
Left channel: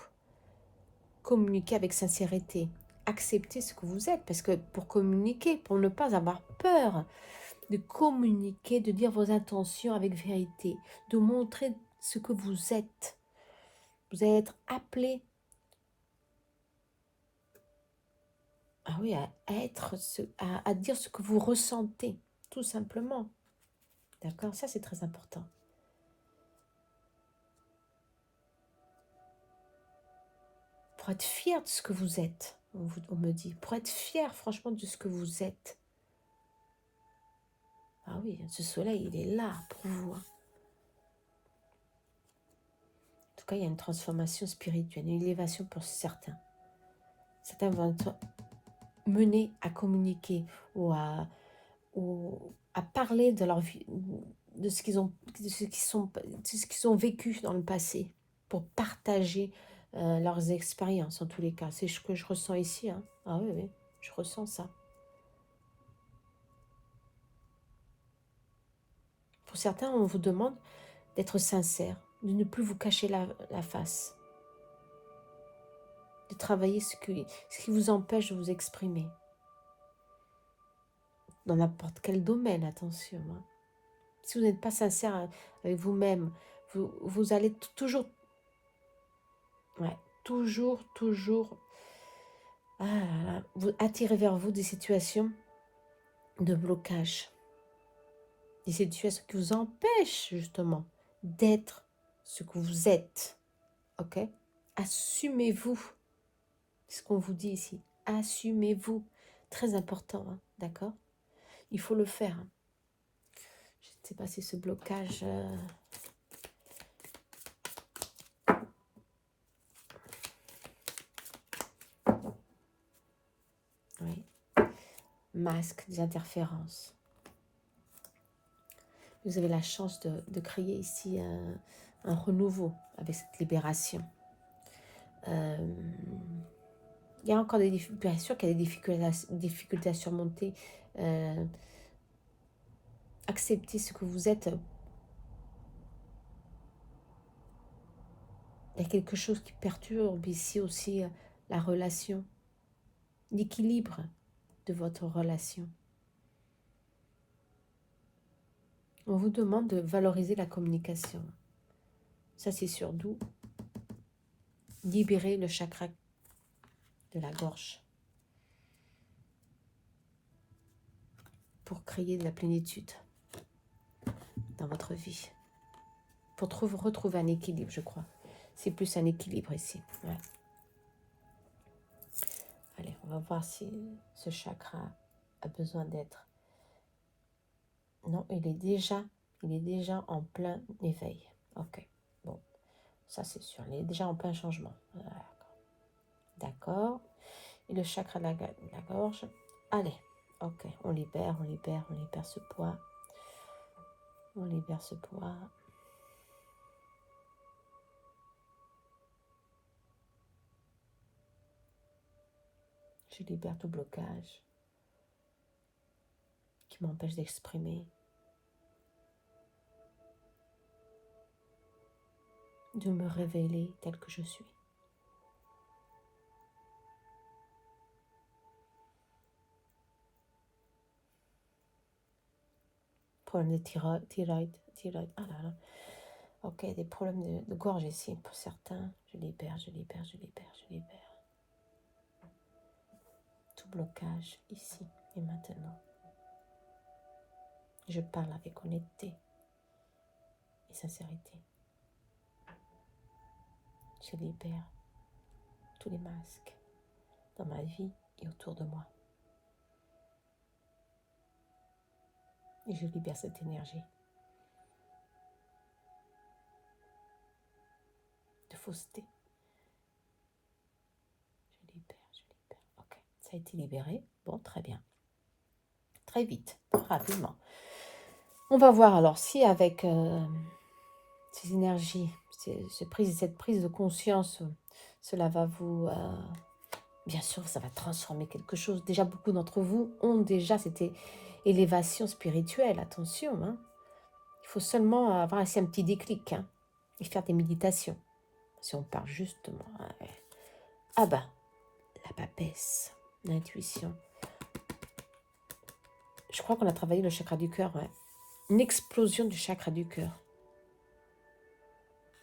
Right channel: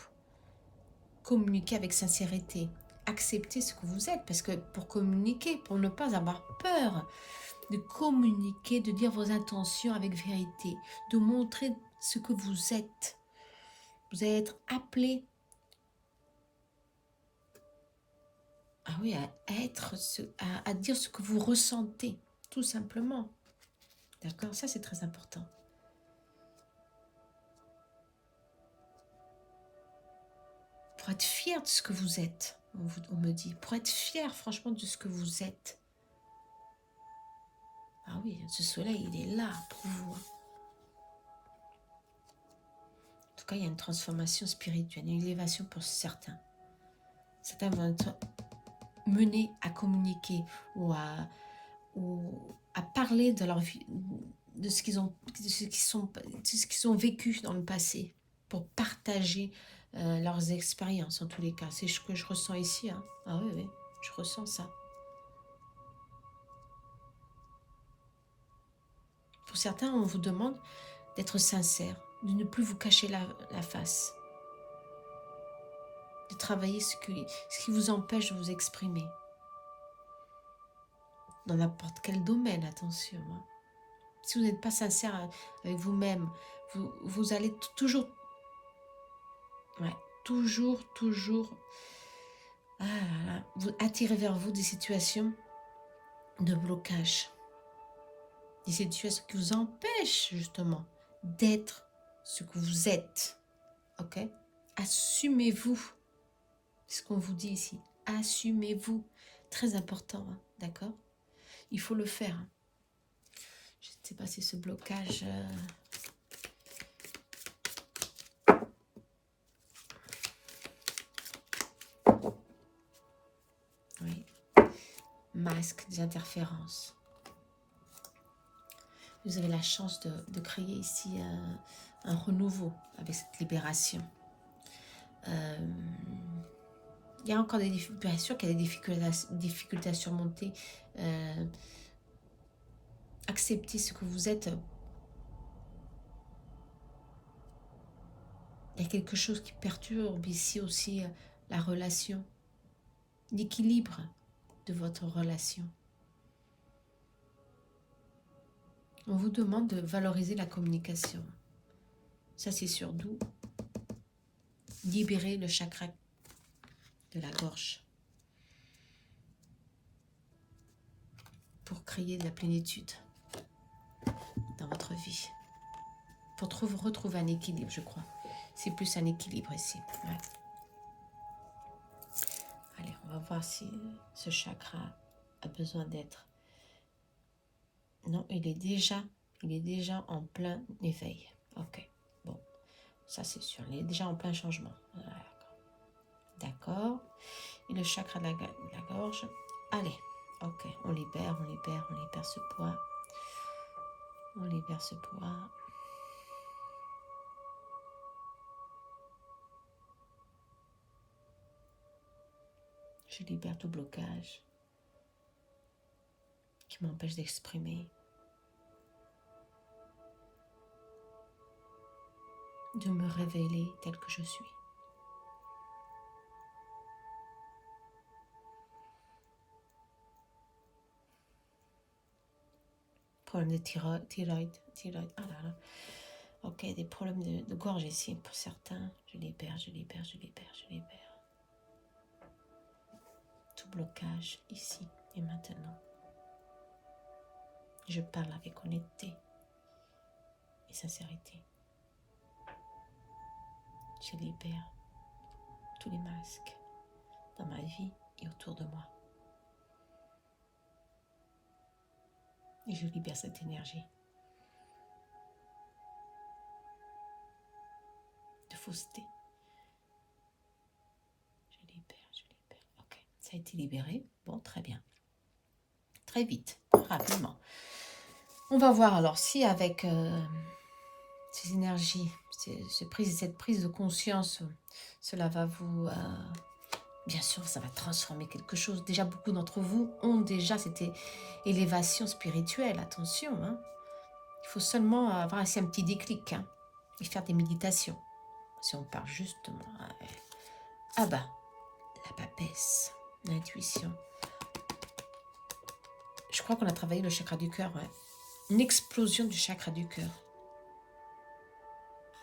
Communiquer avec sincérité. Accepter ce que vous êtes. Parce que pour communiquer, pour ne pas avoir peur de communiquer, de dire vos intentions avec vérité, de montrer ce que vous êtes. Vous allez être appelé à dire ce que vous ressentez, tout simplement. D'accord? Ça, c'est très important. Pour être fier de ce que vous êtes, on me dit. Pour être fier, franchement, de ce que vous êtes. Ah oui, ce soleil, il est là pour vous. En tout cas, il y a une transformation spirituelle, une élévation pour certains. Certains vont être menés à communiquer ou à parler de leur vie, de ce qu'ils ont vécu dans le passé, pour partager leurs expériences en tous les cas. C'est ce que je ressens ici. Hein. Ah oui, oui, je ressens ça. Pour certains, on vous demande d'être sincère, de ne plus vous cacher la face, de travailler ce qui vous empêche de vous exprimer. Dans n'importe quel domaine, attention. Hein. Si vous n'êtes pas sincère avec vous-même, vous allez toujours... Ouais, toujours vous attirez vers vous des situations de blocage. Des situations qui vous empêchent justement d'être ce que vous êtes. Ok? Assumez-vous. C'est ce qu'on vous dit ici. Assumez-vous. Très important, hein, d'accord? Il faut le faire. Hein. Je ne sais pas si ce blocage... Oui. Masque des interférences. Vous avez la chance de créer ici un renouveau avec cette libération. Il y a encore des difficultés, bien sûr qu'il y a des difficultés à surmonter. Accepter ce que vous êtes. Il y a quelque chose qui perturbe ici aussi la relation, l'équilibre de votre relation. On vous demande de valoriser la communication. Ça, c'est sûr. D'où libérer le chakra de la gorge pour créer de la plénitude dans votre vie. Pour retrouver un équilibre, je crois. C'est plus un équilibre ici. Ouais. Allez, on va voir si ce chakra a besoin d'être... Non, il est déjà en plein éveil. Ok, bon, ça c'est sûr. Il est déjà en plein changement. D'accord. Et le chakra de la gorge. Allez, ok, on libère ce poids. On libère ce poids. Je libère tout blocage qui m'empêche d'exprimer, de me révéler tel que je suis. Problème de thyroïde. Ah là là. Ok, des problèmes de gorge ici pour certains. Je libère. Tout blocage ici et maintenant. Je parle avec honnêteté et sincérité. Je libère tous les masques dans ma vie et autour de moi. Et je libère cette énergie de fausseté. Je libère. Ok, ça a été libéré. Bon, très bien. Très vite, rapidement. On va voir alors si avec ces énergies, cette prise de conscience, cela va vous... bien sûr, ça va transformer quelque chose. Déjà, beaucoup d'entre vous ont déjà cette élévation spirituelle. Attention, hein. Il faut seulement avoir assez un petit déclic et faire des méditations. Si on parle justement. Ah bah, la papesse, l'intuition. Je crois qu'on a travaillé le chakra du cœur. Ouais. Une explosion du chakra du cœur.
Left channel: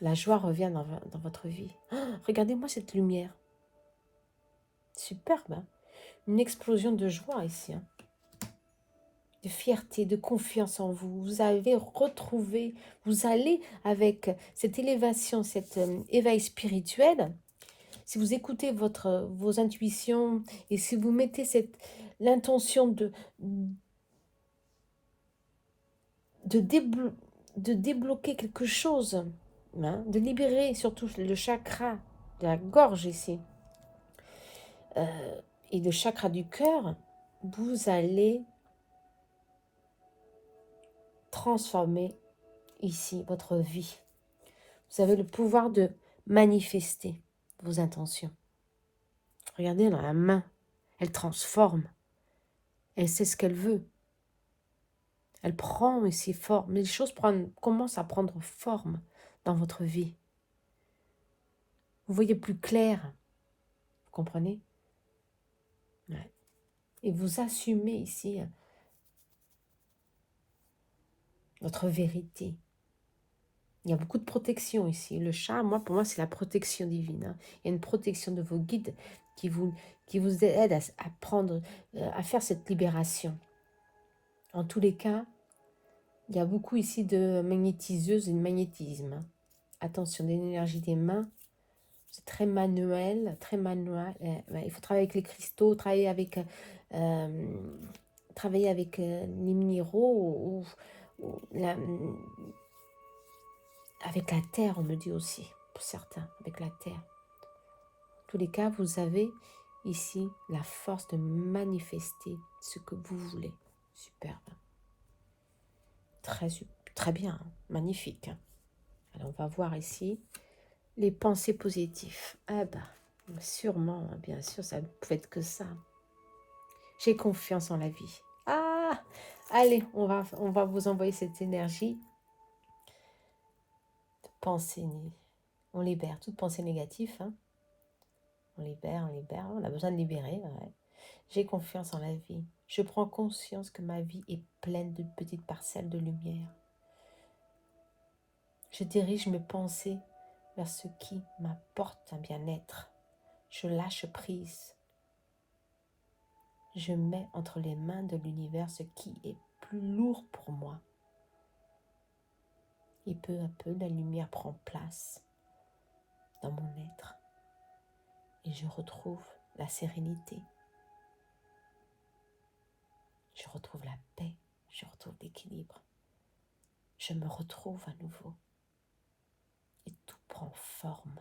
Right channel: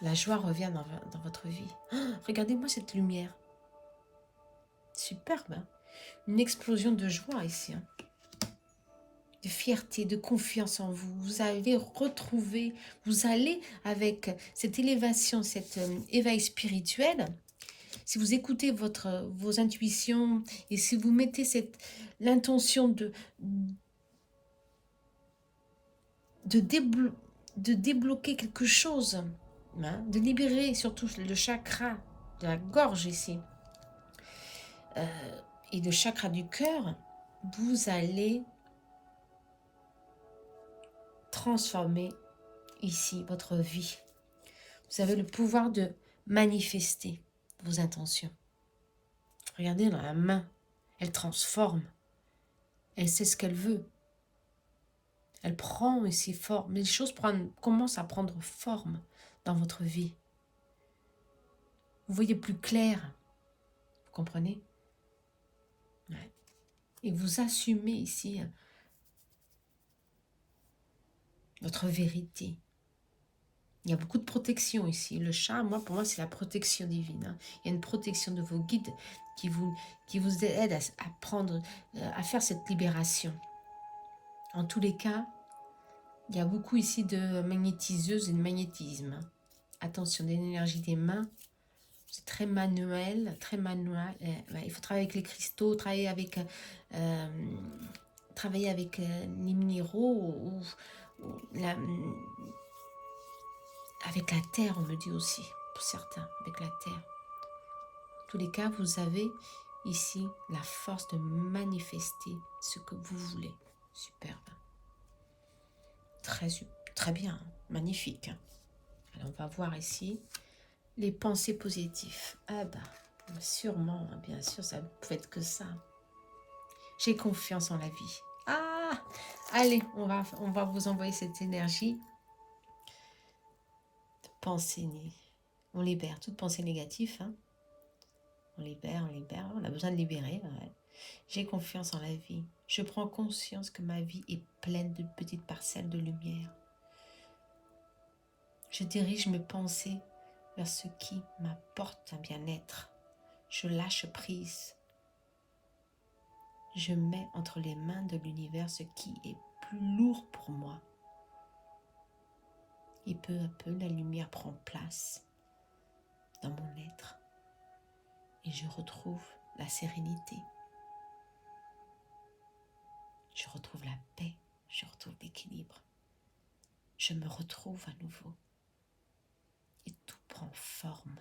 La joie revient dans votre vie. Oh, regardez-moi cette lumière. Superbe. Hein, une explosion de joie ici. Hein, de fierté, de confiance en vous. Vous avez retrouvé, vous allez avec cette élévation, cet éveil spirituel. Si vous écoutez vos intuitions et si vous mettez l'intention de débloquer quelque chose, hein, de libérer surtout le chakra de la gorge ici et le chakra du cœur, vous allez transformer ici votre vie. Vous avez le pouvoir de manifester vos intentions. Regardez dans la main, elle transforme. Elle sait ce qu'elle veut. Elle prend ici forme. Les choses commencent à prendre forme dans votre vie. Vous voyez plus clair. Vous comprenez? Ouais. Et vous assumez ici votre vérité. Il y a beaucoup de protection ici. Le chat, pour moi, c'est la protection divine. Hein. Il y a une protection de vos guides qui vous aide à faire cette libération. En tous les cas, il y a beaucoup ici de magnétiseuses et de magnétisme. Hein. Attention, l'énergie des mains, c'est très manuel, très manuel. Il faut travailler avec les cristaux, travailler avec les minéraux avec la terre, on me dit aussi, pour certains, avec la terre. En tous les cas, vous avez ici la force de manifester ce que vous voulez. Superbe. Très bien, hein. Magnifique. Hein. Alors, on va voir ici les pensées positives. Eh ben, sûrement, bien sûr, ça ne peut être que ça. J'ai confiance en la vie. Ah, allez, on va vous envoyer cette énergie de pensée. On libère toute pensée négative. Hein. On libère. On a besoin de libérer. Ouais. J'ai confiance en la vie. Je prends conscience que ma vie est pleine de petites parcelles de lumière. Je dirige mes pensées vers ce qui m'apporte un bien-être. Je lâche prise. Je mets entre les mains de l'univers ce qui est plus lourd pour moi. Et peu à peu, la lumière prend place dans mon être. Et je retrouve la sérénité. Je retrouve la paix. Je retrouve l'équilibre. Je me retrouve à nouveau. Et tout prend forme.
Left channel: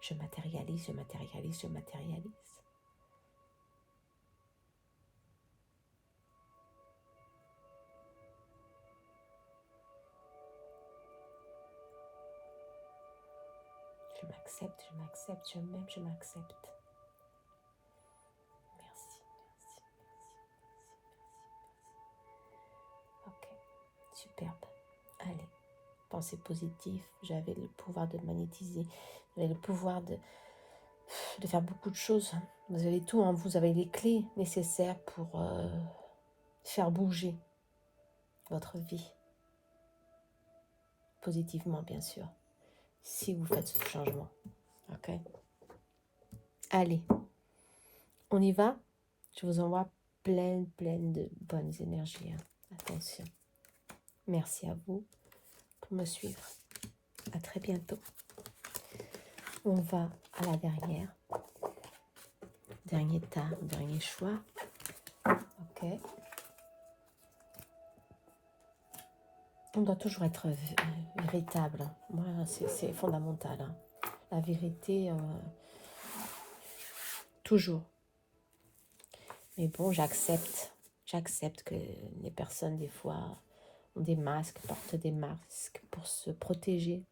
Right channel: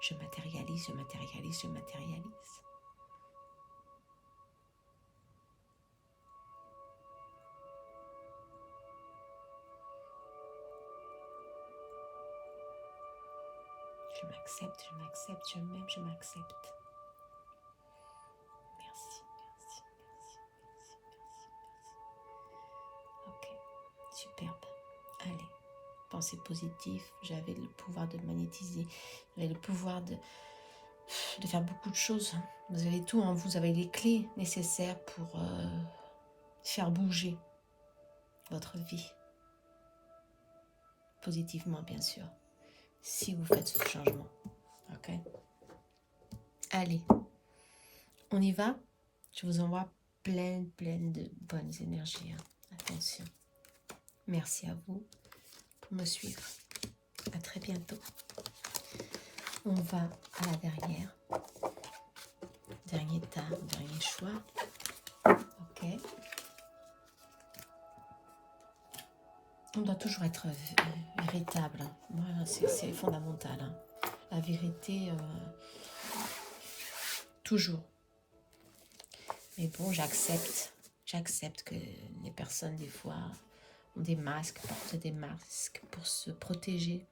Je matérialise. Je m'accepte, je m'aime, je m'accepte. Merci. Ok, superbe. Allez, pensée positive. J'avais le pouvoir de magnétiser. J'avais le pouvoir de faire beaucoup de choses. Vous avez tout en vous. Vous avez les clés nécessaires pour faire bouger votre vie. Positivement, bien sûr. Si vous faites ce changement. Ok? Allez, on y va? Je vous envoie plein de bonnes énergies. Hein. Attention. Merci à vous pour me suivre. À très bientôt. On va à la dernière. Dernier tas, dernier choix. Ok. On doit toujours être véritable. Voilà, c'est fondamental. Hein. La vérité, toujours. Mais bon, j'accepte que les personnes, des fois, ont des masques, portent des masques pour se protéger,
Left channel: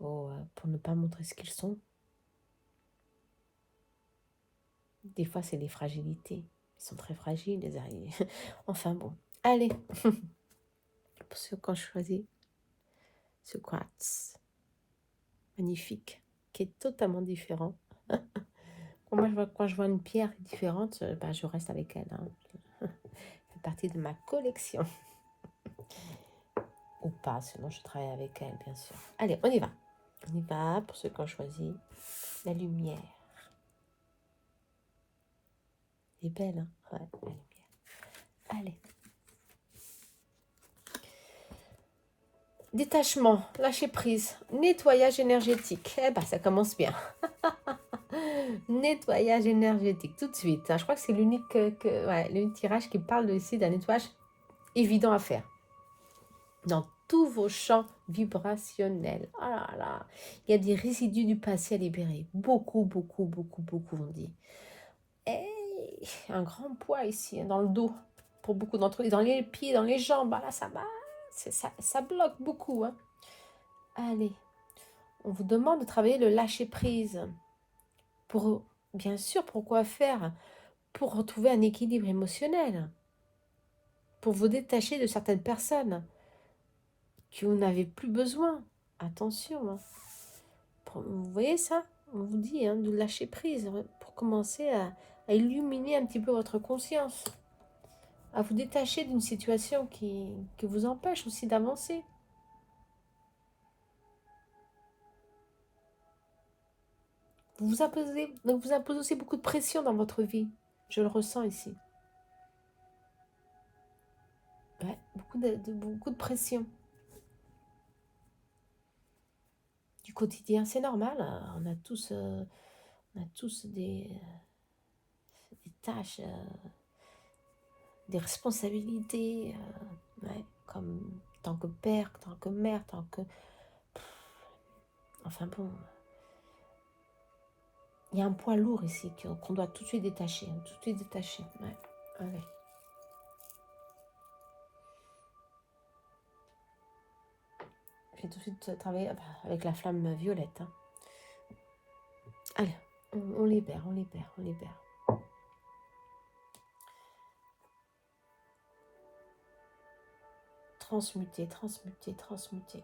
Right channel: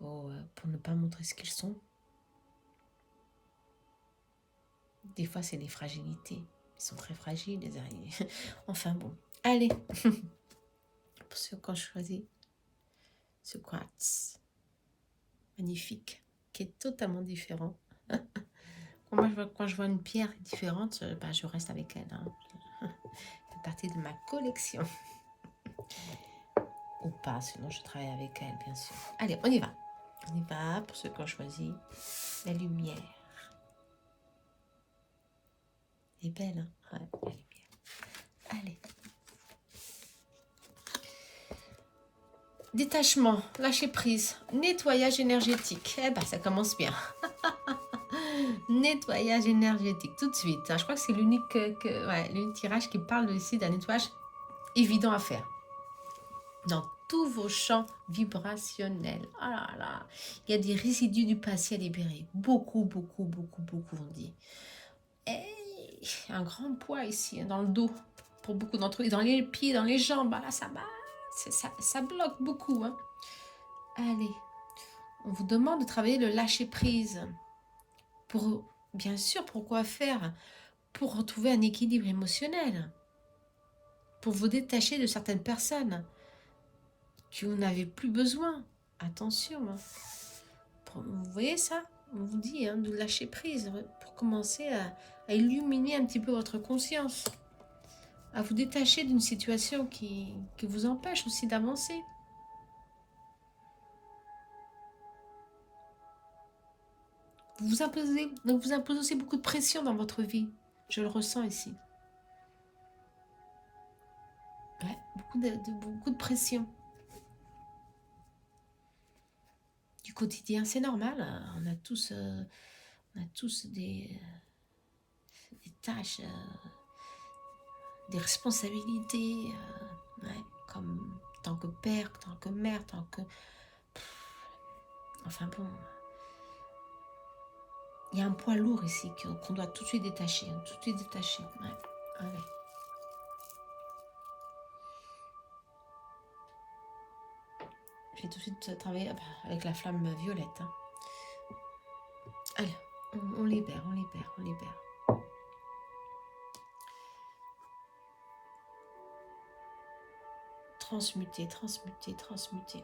ou pour ne pas montrer ce qu'ils sont. Des fois, c'est des fragilités. Ils sont très fragiles, les araignées. Enfin bon, allez. Pour ceux qui ont choisi ce quartz magnifique, qui est totalement différent. Quand je vois une pierre différente, ben, je reste avec elle. Hein. Ça fait partie de ma collection. Ou pas, sinon je travaille avec elle, bien sûr. Allez, on y va. On y va pour ceux qui ont choisi la lumière. Elle est belle, hein? Ouais, la lumière. Allez. Détachement, lâcher prise, nettoyage énergétique. Eh ben, ça commence bien. Nettoyage énergétique, tout de suite. Hein. Je crois que c'est l'unique l'unique tirage qui parle ici d'un nettoyage évident à faire. Dans tous vos champs vibrationnels. Oh là là. Il y a des résidus du passé à libérer. Beaucoup, on dit. Et un grand poids ici, hein, dans le dos. Pour beaucoup d'entre eux. Dans les pieds, dans les jambes. Là, ça bloque beaucoup. Hein. Allez. On vous demande de travailler le lâcher-prise. Pour, bien sûr, pourquoi faire? Pour retrouver un équilibre émotionnel. Pour vous détacher de certaines personnes que vous n'avez plus besoin. Attention. Hein. Vous voyez ça? On vous dit hein, de lâcher prise pour commencer à illuminer un petit peu votre conscience. À vous détacher d'une situation qui vous empêche aussi d'avancer. Vous imposez aussi beaucoup de pression dans votre vie. Je le ressens ici. Ouais, beaucoup de pression. Du quotidien, c'est normal. Hein. On a tous des tâches, des responsabilités, ouais, comme tant que père, tant que mère, tant que... Enfin bon, il y a un poids lourd ici qu'on doit tout de suite détacher. Hein, tout de suite détacher. Ouais. Allez. Je vais tout de suite travailler avec la flamme violette. Hein. Allez, on libère. Transmuter.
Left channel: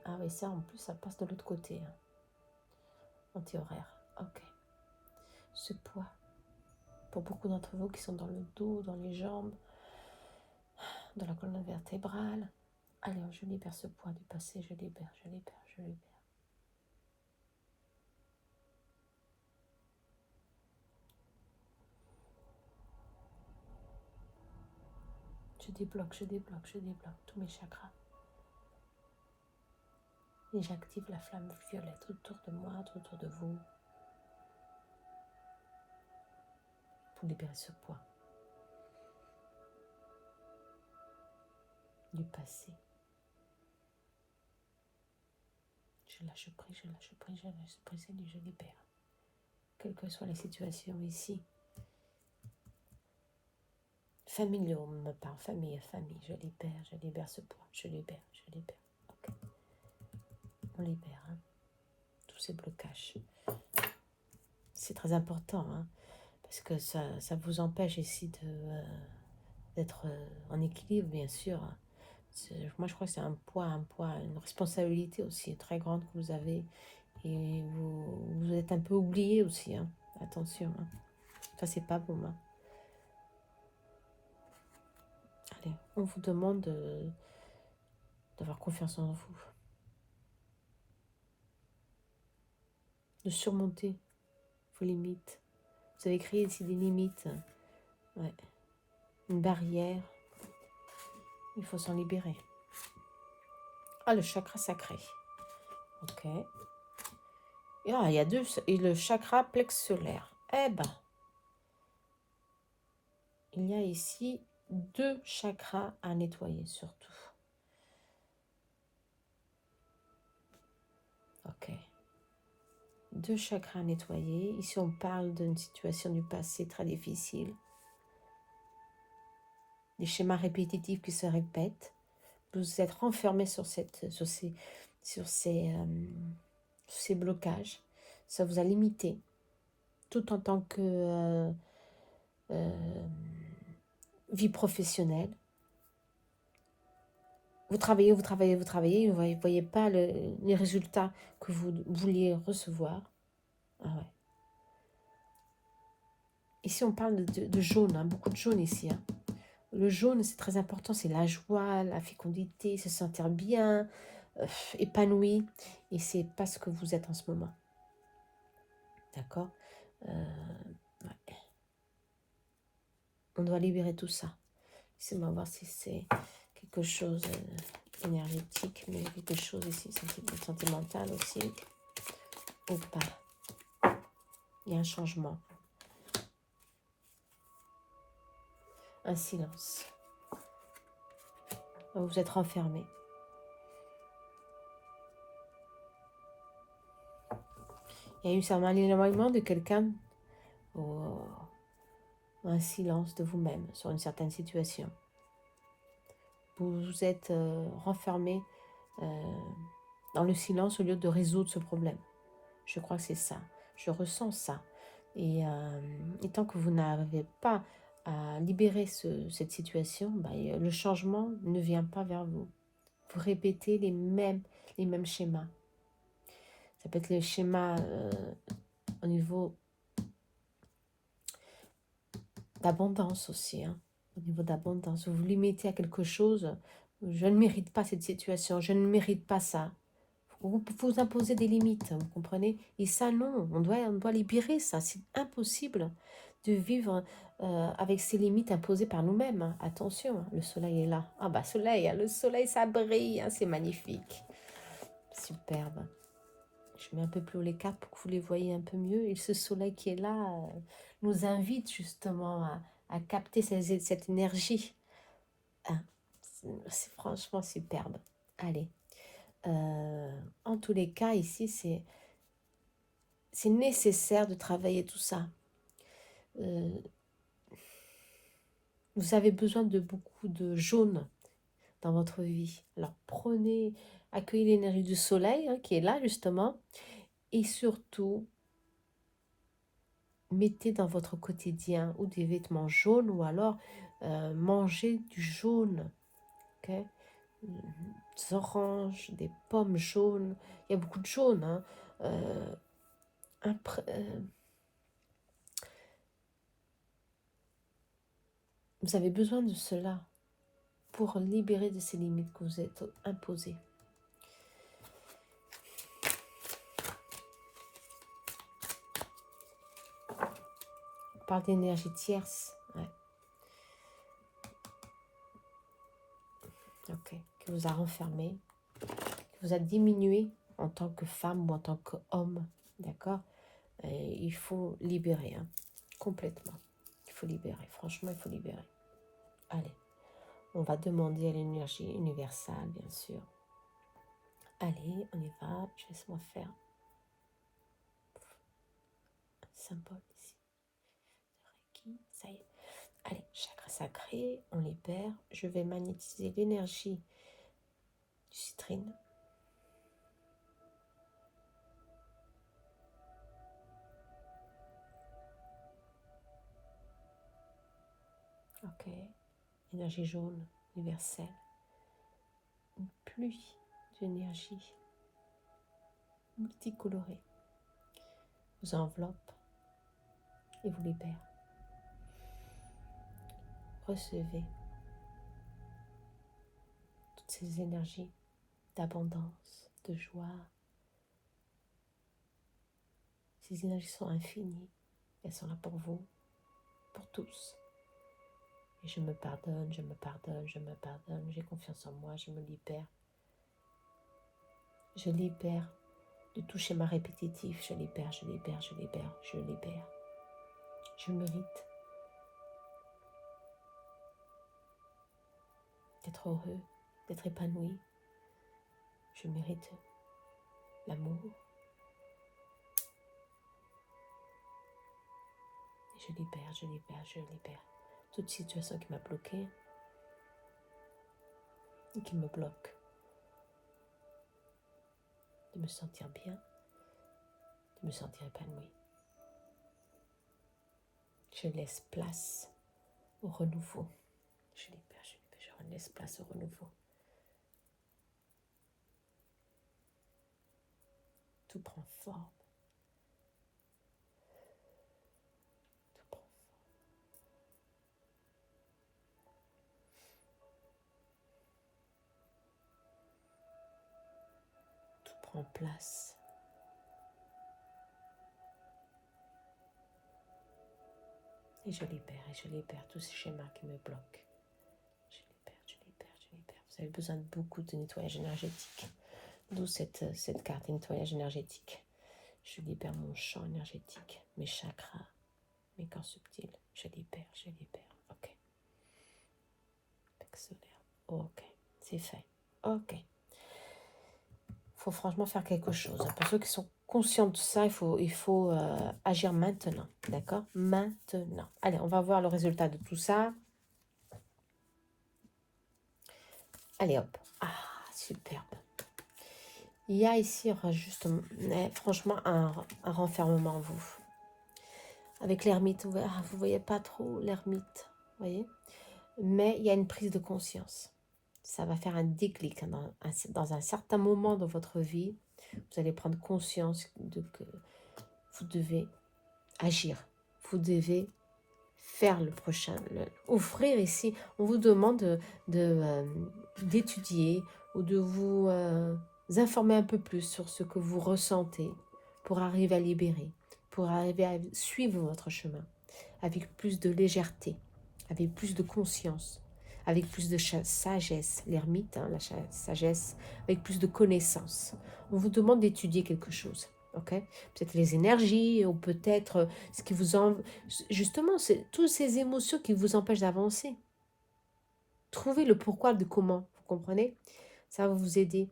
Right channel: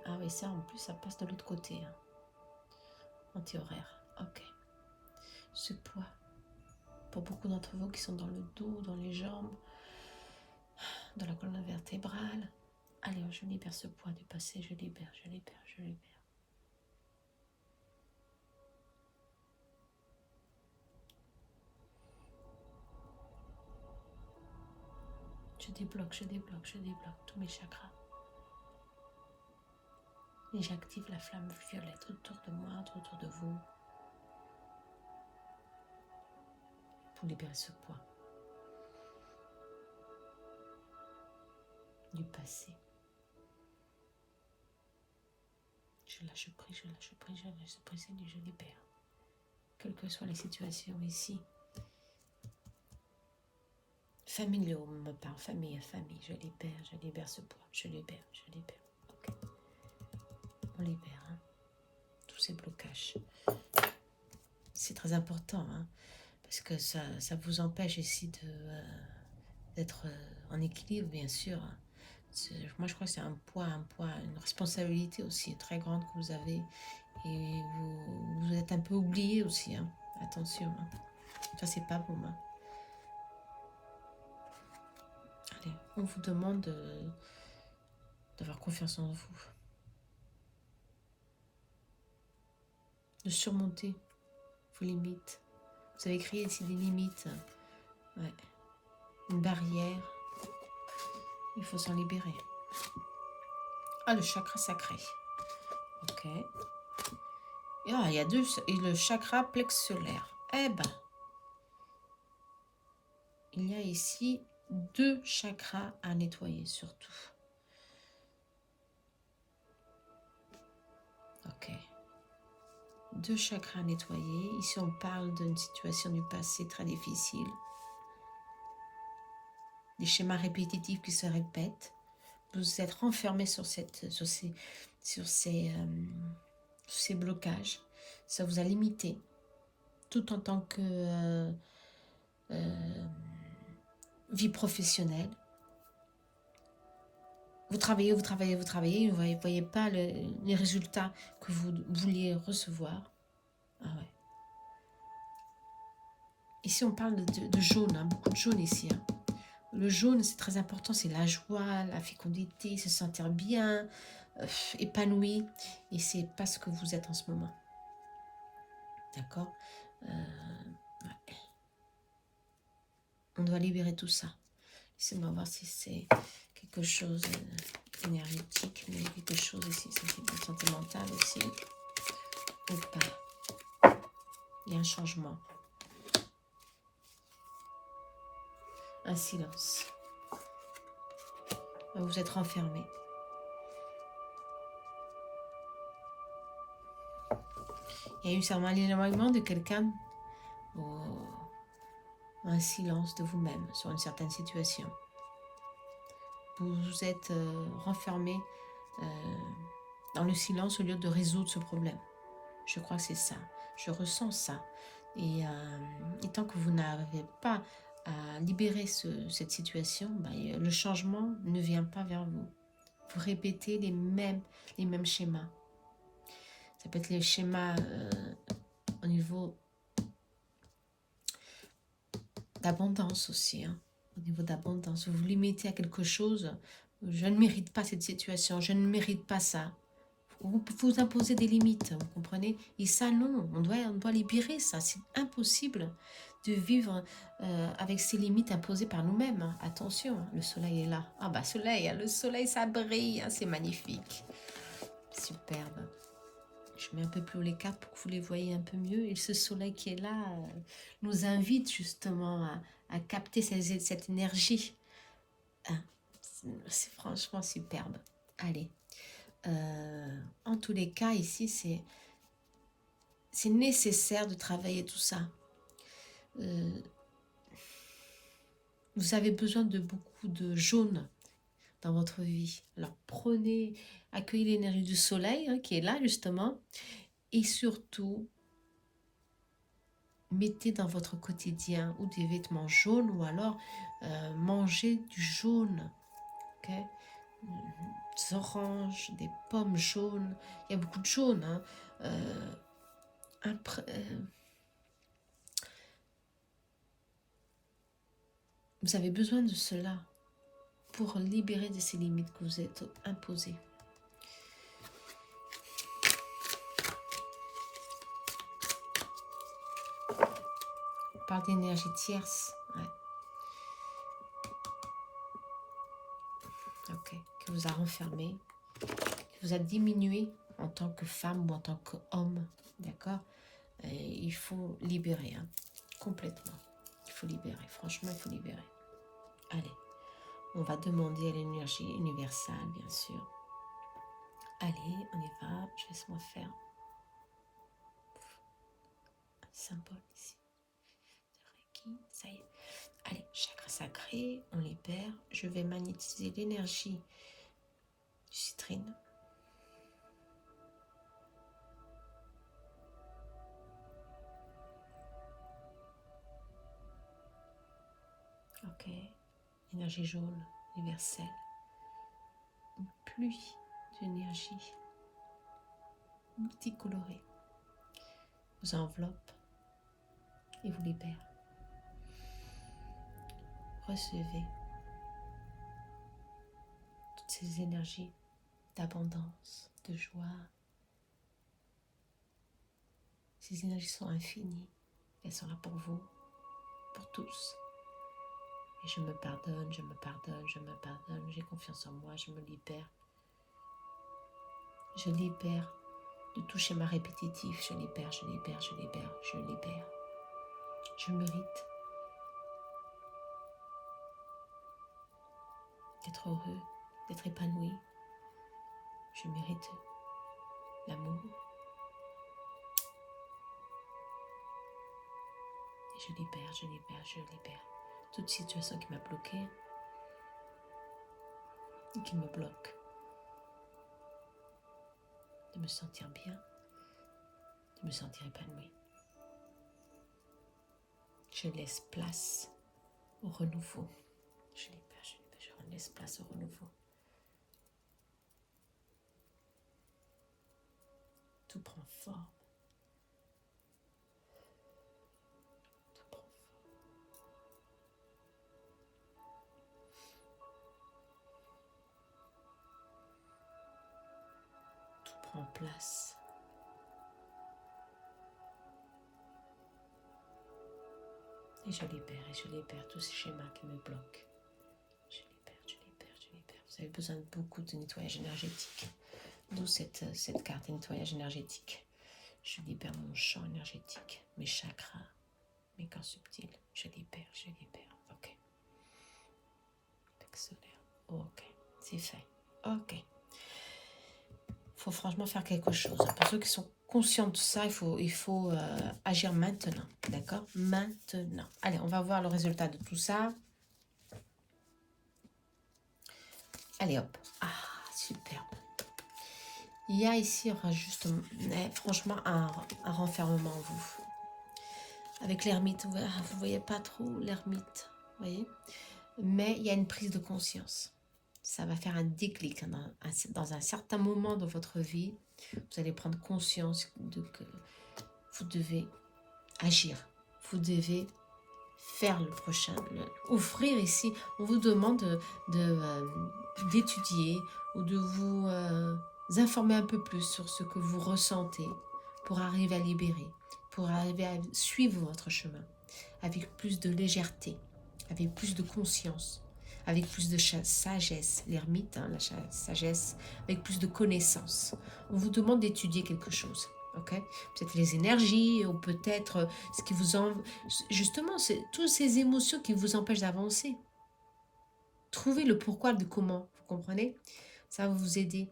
Ah oui, ça en plus, ça passe de l'autre côté. Hein. Anti-horaire. Ok. Ce poids. Pour beaucoup d'entre vous qui sont dans le dos, dans les jambes, dans la colonne vertébrale. Allez, je libère ce poids du passé. Je libère. Je débloque tous mes chakras. Et j'active la flamme violette autour de moi, autour de vous. Pour libérer ce poids. Du passé. Je lâche prise et je libère. Quelle que soit la situation ici. Familiaux, on me parle, famille, je libère ce poids, je libère. Okay. On libère hein, tous ces blocages. C'est très important, hein, parce que ça vous empêche ici d'être en équilibre, bien sûr. Moi, je crois que c'est un poids, une responsabilité aussi très grande que vous avez. Et vous êtes un peu oublié aussi. Hein. Attention. Hein. Ça, c'est pas bon. Hein. plaît. On vous demande d'avoir confiance en vous, de surmonter vos limites. Vous avez créé ici des limites, ouais, une barrière. Il faut s'en libérer. Ah, le chakra sacré. Ok. Et il y a deux. Et le chakra plex solaire. Eh ben, il y a ici 2 chakras à nettoyer surtout. Ok. 2 chakras à nettoyer. Ici, on parle d'une situation du passé très difficile. Des schémas répétitifs qui se répètent. Vous êtes renfermé sur ces blocages. Ça vous a limité. Tout en tant que vie professionnelle. Vous travaillez, vous travaillez, vous travaillez, vous ne voyez pas les résultats que vous vouliez recevoir. Ah ouais. Ici, on parle de jaune, hein, beaucoup de jaune ici. Hein. Le jaune, c'est très important, c'est la joie, la fécondité, se sentir bien, épanoui. Et c'est pas ce que vous êtes en ce moment. D'accord. Ouais. On doit libérer tout ça. Laissez-moi voir si c'est quelque chose énergétique, mais quelque chose ici, sentimental aussi. Ou pas. Il y a un changement. Un silence. Vous êtes renfermé. Il y a eu un éloignement de quelqu'un, un silence de vous-même sur une certaine situation. Vous êtes renfermé dans le silence au lieu de résoudre ce problème. Je crois que c'est ça. Je ressens ça. Et tant que vous n'arrivez pas à libérer cette situation, le changement ne vient pas vers vous. Vous répétez les mêmes schémas. Ça peut être les schémas au niveau d'abondance aussi. Hein. Au niveau d'abondance, vous vous limitez à quelque chose. Je ne mérite pas cette situation, je ne mérite pas ça. Vous imposez des limites, vous comprenez? Et ça, non, on doit libérer ça. C'est impossible de vivre avec ces limites imposées par nous-mêmes. Hein. Attention, le soleil est là. Ah bah le soleil, ça brille, hein, c'est magnifique. Superbe. Je mets un peu plus haut les cartes pour que vous les voyez un peu mieux. Et ce soleil qui est là nous invite justement à capter cette énergie. Ah, c'est franchement superbe. Allez. En tous les cas, ici, c'est nécessaire de travailler tout ça. Vous avez besoin de beaucoup de jaune dans votre vie. Alors accueillez l'énergie du soleil hein, qui est là justement, et surtout, mettez dans votre quotidien ou des vêtements jaunes ou alors mangez du jaune. Okay? Des oranges, des pommes jaunes. Il y a beaucoup de jaune. Hein. Vous avez besoin de cela pour libérer de ces limites que vous êtes imposées. On parle d'énergie tierce. Ouais. Ok. Qui vous a renfermé, qui vous a diminué en tant que femme ou en tant qu'homme. D'accord. Il faut libérer. Hein. Complètement. Il faut libérer. Franchement, il faut libérer. Allez. On va demander à l'énergie universelle, bien sûr. Allez, on y va. Je vais laisser-moi faire un symbole ici. Reiki, ça y est. Allez, chakra sacré, on libère. Je vais magnétiser l'énergie du citrine. Ok. Énergie jaune, universelle. Une pluie d'énergie multicolorée vous enveloppe et vous libère. Recevez. ces énergies d'abondance, de joie. Ces énergies sont infinies. Elles sont là pour vous, pour tous. Et je me pardonne, je me pardonne, je me pardonne. J'ai confiance en moi, je me libère. Je libère de tout schéma répétitif. Je libère, je libère, je libère, je libère. Je mérite d'être heureux, d'être épanoui. Je mérite l'amour. Et je libère, je libère, je libère. Toute situation qui m'a bloquée et qui me bloque de me sentir bien, de me sentir épanouie. Je laisse place au renouveau. Je libère, je laisse place au renouveau. Tout prend forme. Tout prend forme. Tout prend place. Et je libère tous ces schémas qui me bloquent. Je libère, je libère, je libère. Vous avez besoin de beaucoup de nettoyage énergétique. D'où cette carte de nettoyage énergétique. Je libère mon champ énergétique, mes chakras, mes corps subtils. Je libère, je libère. Ok. Accélère. Ok. C'est fait. Ok. Faut franchement faire quelque chose. Pour ceux qui sont conscients de ça, il faut agir maintenant. D'accord? Maintenant. Allez, on va voir le résultat de tout ça. Allez, hop. Ah, superbe. Il y a ici franchement un renfermement en vous. Avec l'ermite, vous ne voyez pas trop l'ermite, voyez? Mais il y a une prise de conscience. Ça va faire un déclic dans un certain moment de votre vie. Vous allez prendre conscience que vous devez agir. Vous devez faire le prochain. Offrir ici, on vous demande d'étudier ou de vous informer un peu plus sur ce que vous ressentez pour arriver à libérer, pour arriver à suivre votre chemin avec plus de légèreté, avec plus de conscience, avec plus de sagesse, l'ermite, la sagesse, avec plus de connaissances. On vous demande d'étudier quelque chose. Okay, peut-être les énergies ou peut-être ce qui vous justement c'est toutes ces émotions qui vous empêchent d'avancer. Trouvez le pourquoi de comment, vous comprenez? Ça va vous aider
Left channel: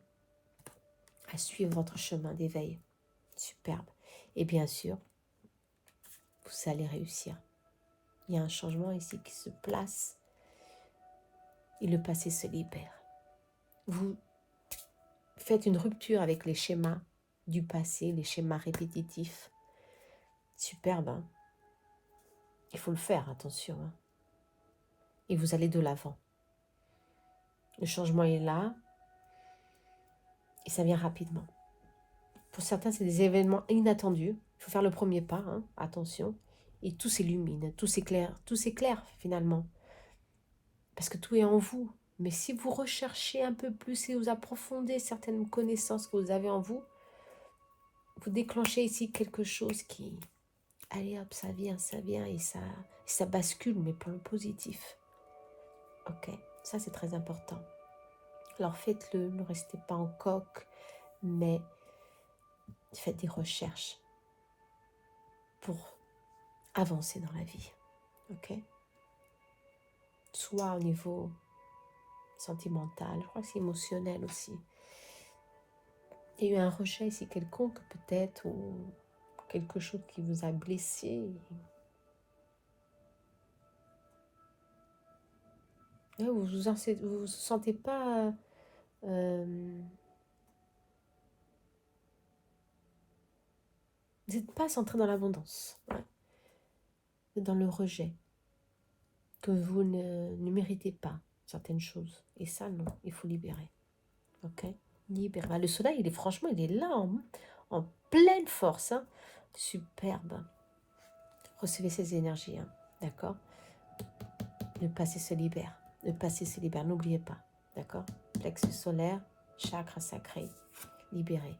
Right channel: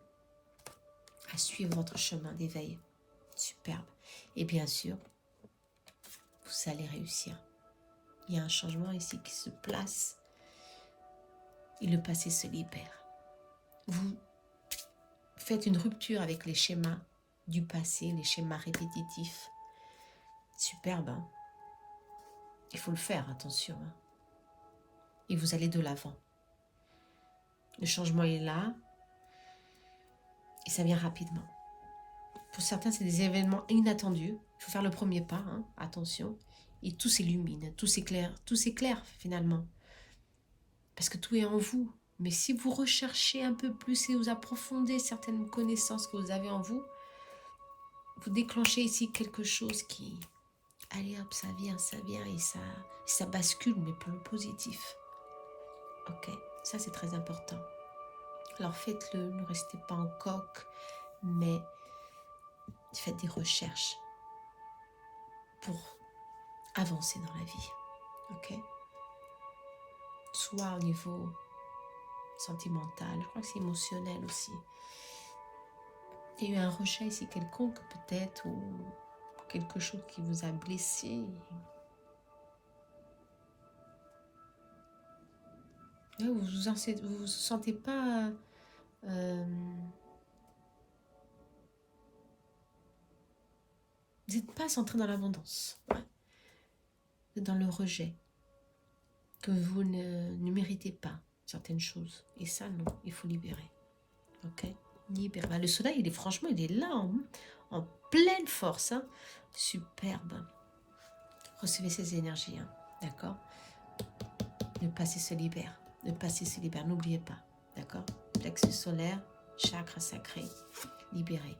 à suivre votre chemin d'éveil. Superbe. Et bien sûr, vous allez réussir. Il y a un changement ici qui se place et le passé se libère. Vous faites une rupture avec les schémas du passé, les schémas répétitifs. Superbe, hein? Il faut le faire, attention. Hein? Et vous allez de l'avant. Le changement est là et ça vient rapidement. Pour certains, c'est des événements inattendus. Il faut faire le premier pas, hein? Attention. Et tout s'illumine, tout s'éclaire finalement. Parce que tout est en vous. Mais si vous recherchez un peu plus et vous approfondez certaines connaissances que vous avez en vous, vous déclenchez ici quelque chose qui... Allez hop, ça vient et ça bascule, mais pour le positif. Ok, ça c'est très important. Alors faites-le, ne restez pas en coque, mais faites des recherches pour avancer dans la vie. Ok, soit au niveau sentimental, je crois que c'est émotionnel aussi. Il y a eu un rejet ici quelconque peut-être, ou quelque chose qui vous a blessé. Et vous vous sentez pas... vous n'êtes pas centré dans l'abondance. Ouais. Vous êtes dans le rejet. Que vous ne méritez pas certaines choses. Et ça, non, il faut libérer. Ok? Libérer. Le soleil, il est là, en pleine force. Hein? Superbe. Recevez ces énergies. Hein? D'accord? Le passé se libère. Le passé se libère. N'oubliez pas. D'accord? Plexus solaire, chakra sacré, libéré.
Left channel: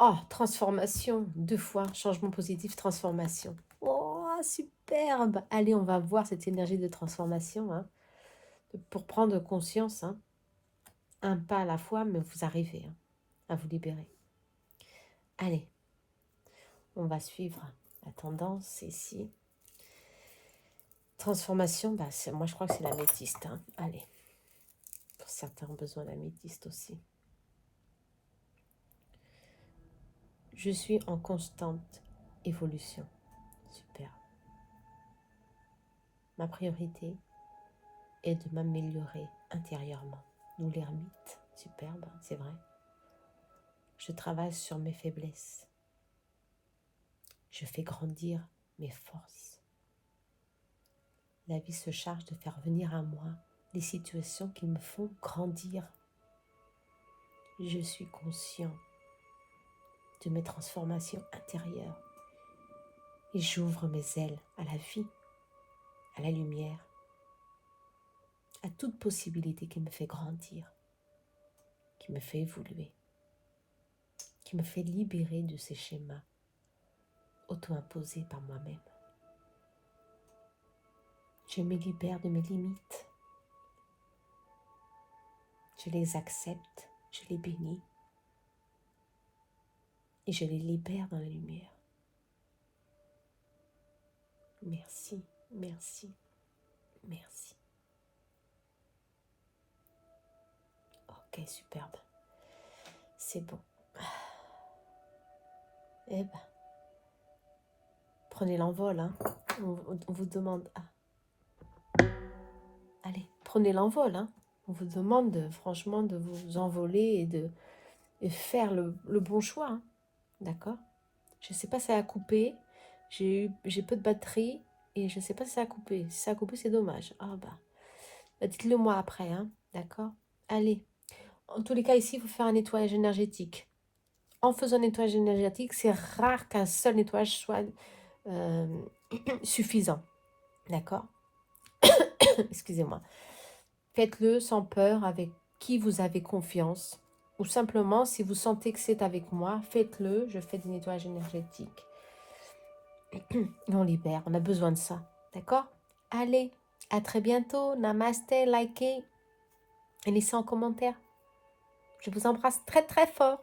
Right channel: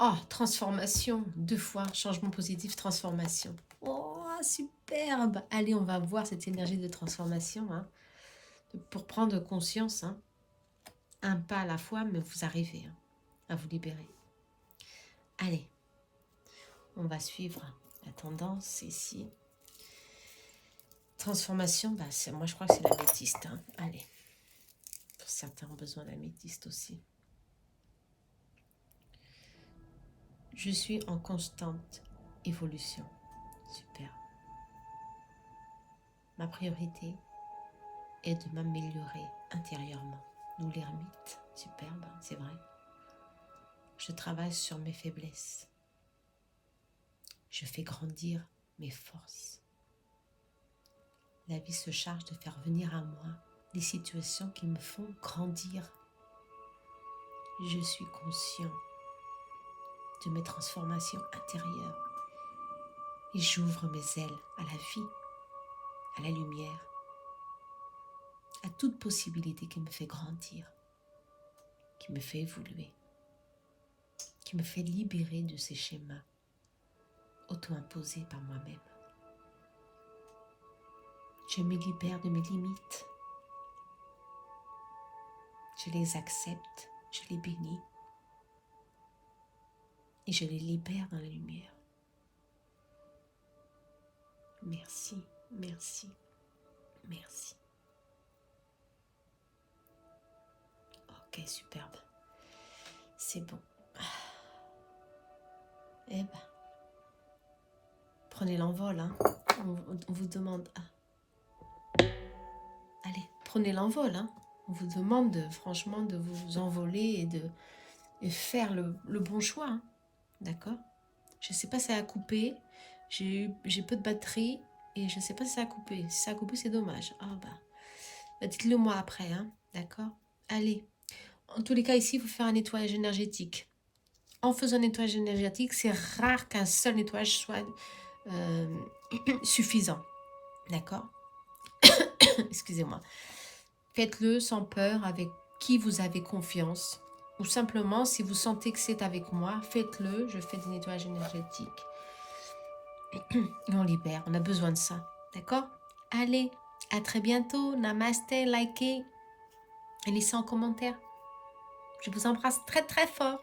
Oh, transformation, 2 fois, changement positif, transformation. Oh, superbe! Allez, on va voir cette énergie de transformation, hein, pour prendre conscience, hein, un pas à la fois, mais vous arrivez hein, à vous libérer. Allez, on va suivre la tendance ici. Transformation, bah, moi je crois que c'est l'améthyste. Hein. Allez, pour certains ont besoin d'améthyste aussi. Je suis en constante évolution. Super. Ma priorité est de m'améliorer intérieurement. Nous l'ermite, superbe, hein, c'est vrai. Je travaille sur mes faiblesses. Je fais grandir mes forces. La vie se charge de faire venir à moi les situations qui me font grandir. Je suis conscient de mes transformations intérieures et j'ouvre mes ailes à la vie, à la lumière, à toute possibilité qui me fait grandir, qui me fait évoluer, qui me fait libérer de ces schémas auto-imposés par moi-même. Je me libère de mes limites. Je les accepte, je les bénis et je les libère dans la lumière. Merci, merci, merci. Ok, superbe. C'est bon. Eh ben, prenez l'envol. Hein. On vous demande... Allez, prenez l'envol. Hein. On vous demande franchement de vous envoler et faire le bon choix. Hein. D'accord? Je ne sais pas si ça a coupé. J'ai peu de batterie et je ne sais pas si ça a coupé. Si ça a coupé, c'est dommage. Ah bah dites-le moi après. Hein. D'accord? Allez. En tous les cas, ici, il faut faire un nettoyage énergétique. En faisant un nettoyage énergétique, c'est rare qu'un seul nettoyage soit suffisant. D'accord? Excusez-moi. Faites-le sans peur, avec qui vous avez confiance. Ou simplement, si vous sentez que c'est avec moi, faites-le. Je fais des nettoyages énergétiques. Et on libère. On a besoin de ça. D'accord? Allez, à très bientôt. Namaste, likez et laissez en commentaire. Je vous embrasse très très fort.